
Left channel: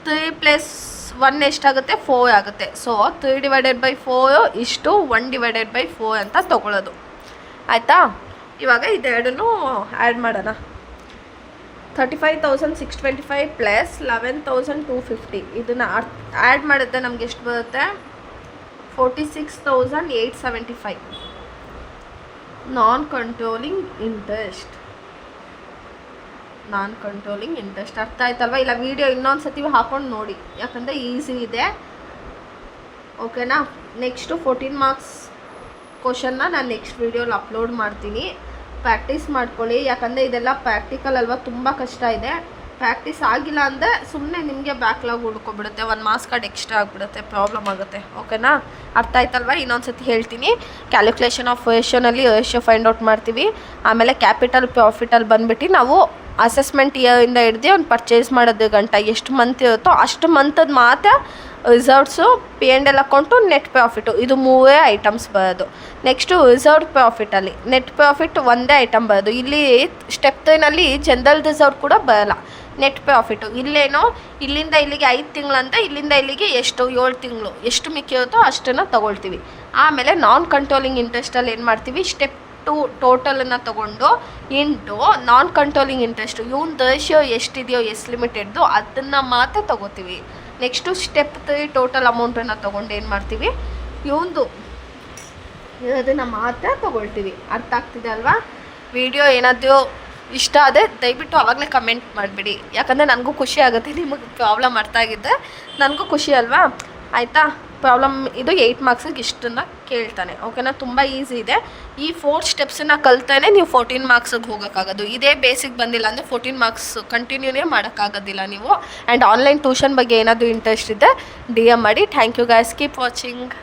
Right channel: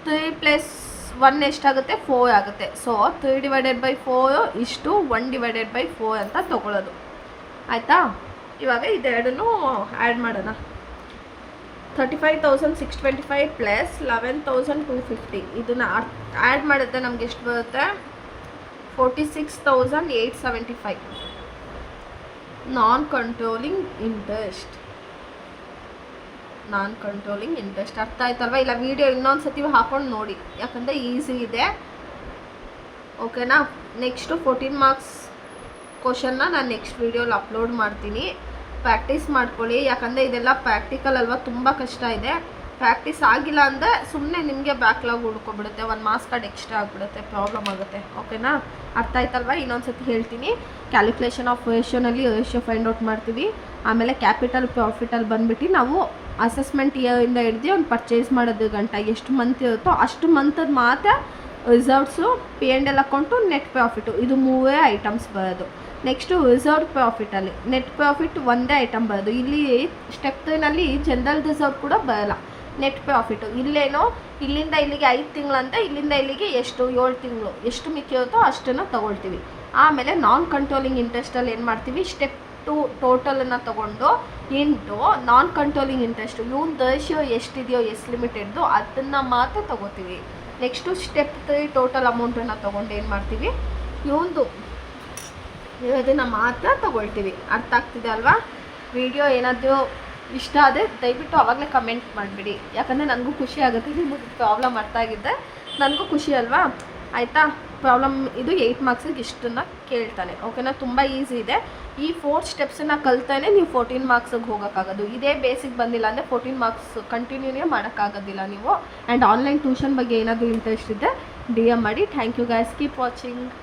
3 + 1 ಎಷ್ಟಾಗುತ್ತೆ, 4 ಆಗುತ್ತೆ. ಸೊ 3/4 ಇಷ್ಟು 1/4 ಅಂತ ತೊಗೊಳ್ಳೋದು. ಆಯಿತಾ? ಇವಾಗ ಇದೆರಡನ್ನೂ ಆ್ಯಡ್ ಮಾಡೋಣ. 35,625 + 11,250 ಇದನ್ನು ಆ್ಯಡ್ ಮಾಡಿದ್ರೆ ನಮ್ಗೆ ಎಷ್ಟು ಬರುತ್ತೆ, 46,875. ನಾನ್ ಕಂಟ್ರೋಲಿಂಗ್ ಇಂಟ್ರೆಸ್ಟ್ ಅರ್ಥ ಆಯ್ತಲ್ವ? ಇಲ್ಲ ವಿಡಿಯೋ ಇನ್ನೊಂದು ಸತಿ ಹಾಕೊಂಡು ನೋಡಿ, ಯಾಕಂದರೆ ಈಸಿ ಇದೆ, ಓಕೆನಾ? ನೆಕ್ಸ್ಟು 14 ಮಾರ್ಕ್ಸ್ ಕ್ವಶನ್ನ ನಾನು ನೆಕ್ಸ್ಟ್ ವೀಡಿಯೋಲಿ ಅಪ್ಲೋಡ್ ಮಾಡ್ತೀನಿ. ಪ್ರಾಕ್ಟೀಸ್ ಮಾಡ್ಕೊಳ್ಳಿ, ಯಾಕಂದರೆ ಇದೆಲ್ಲ ಪ್ರಾಕ್ಟಿಕಲ್ ಅಲ್ವಾ, ತುಂಬ ಕಷ್ಟ ಇದೆ. ಪ್ರಾಕ್ಟೀಸ್ ಆಗಿಲ್ಲ ಅಂದರೆ ಸುಮ್ಮನೆ ನಿಮಗೆ ಬ್ಯಾಕ್ಲಾಗ್ ಉಳ್ಕೊಬಿಡುತ್ತೆ, 1 ಮಾರ್ಕ್ಸ್ ಕಾರ್ಡ್ ಎಕ್ಸ್ಟ್ರಾ ಆಗಿಬಿಡುತ್ತೆ, ಪ್ರಾಬ್ಲಮ್ ಆಗುತ್ತೆ, ಓಕೆನಾ? ಅರ್ಥ ಆಯ್ತಲ್ವ? ಇನ್ನೊಂದು ಸತಿ ಹೇಳ್ತೀನಿ. ಕ್ಯಾಲ್ಕುಲೇಷನ್ ಆಫ್ ರೇಷಿಯೋನಲ್ಲಿ ರೇಷಿಯೋ ಫೈಂಡ್ ಔಟ್ ಮಾಡ್ತೀವಿ. ಆಮೇಲೆ ಕ್ಯಾಪಿಟಲ್ ಪ್ರಾಫಿಟಲ್ಲಿ ಬಂದುಬಿಟ್ಟು ನಾವು ಅಸೆಸ್ಮೆಂಟ್ ಇಯರಿಂದ ಹಿಡ್ದು ಅವ್ನು ಪರ್ಚೇಸ್ ಮಾಡೋದು ಗಂಟ ಎಷ್ಟು ಮಂತ್ ಇರುತ್ತೋ ಅಷ್ಟು ಮಂತದ್ದು ಮಾತ್ರ reserves, P&L account, net profit, ಇದು 3 ಐಟಮ್ಸ್ ಬರೋದು. ನೆಕ್ಸ್ಟು ರಿಸರ್ವ್ ಪ್ರಾಫಿಟಲ್ಲಿ ನೆಟ್ ಪ್ರಾಫಿಟ್ ಒಂದೇ ಐಟಮ್ ಬರೋದು. ಇಲ್ಲಿ ಸ್ಟೆಪ್ 3ನಲ್ಲಿ ಜನರಲ್ ರಿಸರ್ವ್ ಕೂಡ ಬರೋಲ್ಲ. Net profit. ಇಲ್ಲೇನೋ ಇಲ್ಲಿಂದ ಇಲ್ಲಿಗೆ 5 ತಿಂಗಳಂತ, ಇಲ್ಲಿಂದ ಇಲ್ಲಿಗೆ ಎಷ್ಟು 7 ತಿಂಗಳು ಎಷ್ಟು ಮಿಕ್ಕಿರುತ್ತೋ ಅಷ್ಟನ್ನು ತೊಗೊಳ್ತೀವಿ. ಆಮೇಲೆ ನಾನ್ ಕಂಟ್ರೋಲಿಂಗ್ ಇಂಟ್ರೆಸ್ಟಲ್ಲಿ ಏನು ಮಾಡ್ತೀವಿ, ಸ್ಟೆಪ್ 2 ಟೋಟಲನ್ನು ತೊಗೊಂಡು ಇಂಟು ನಾನ್ ಕಂಟ್ರೋಲಿಂಗ್ ಇಂಟ್ರೆಸ್ಟು ಇವನ್ ರೇಷಿಯೋ ಎಷ್ಟಿದೆಯೋ ಎಷ್ಟು ಲಿಮಿಟೆಡ್ದು ಅದನ್ನು ಮಾತ್ರ ತೊಗೋತೀವಿ. ನೆಕ್ಸ್ಟು ಸ್ಟೆಪ್ 3 ಟೋಟಲ್ ಅಮೌಂಟನ್ನು ತೊಗೊಂಡು ಏನು ಮಾಡ್ತೀವಿ, ಇವಂದು ಅದನ್ನು ಮಾತ್ರ ತೊಗೊಳ್ತೀವಿ. ಅರ್ಥ ಆಗ್ತಿದೆ ಅಲ್ವಾ? ವಿಡಿಯೋ ಏನಾದರೂ ಇಷ್ಟ ಆದರೆ ದಯವಿಟ್ಟು ಆವಾಗಲೇ ಕಮೆಂಟ್ ಮಾಡಿಬಿಡಿ, ಯಾಕಂದರೆ ನನಗೂ ಖುಷಿ ಆಗುತ್ತೆ. ನಿಮಗೆ ಪ್ರಾಬ್ಲಮ್ ಅರ್ಥ ಆಗಿದ್ದರೆ ನನಗೂ ಖುಷಿ ಅಲ್ವಾ? ಆಯಿತಾ? ಪ್ರಾಬ್ಲಮ್ ಇದು 8 ಮಾರ್ಕ್ಸಿಗೆ ಇಷ್ಟನ್ನು ಕೇಳ್ತಾನೆ. ಓಕೆನಾ? ತುಂಬ ಈಸಿ ಇದೆ. ಈ 4 ಸ್ಟೆಪ್ಸನ್ನು ಕಲ್ತಾನೆ ನೀವು 14 ಮಾರ್ಕ್ಸಿಗೆ ಹೋಗೋಕ್ಕಾಗೋದು. ಇದೇ ಬೇಸಿಕ್ ಬಂದಿಲ್ಲ ಅಂದರೆ 14 ಮಾರ್ಕ್ಸ್ ಕಂಟಿನ್ಯೂನೇ ಮಾಡೋಕ್ಕಾಗೋದಿಲ್ಲ ನೀವು. ಆ್ಯಂಡ್ ಆನ್ಲೈನ್ ಟ್ಯೂಷನ್ ಬಗ್ಗೆ ಏನಾದರೂ ಇಂಟ್ರೆಸ್ಟ್ ಇದೆ DM ಮಾಡಿ. Thank you guys, keep watching.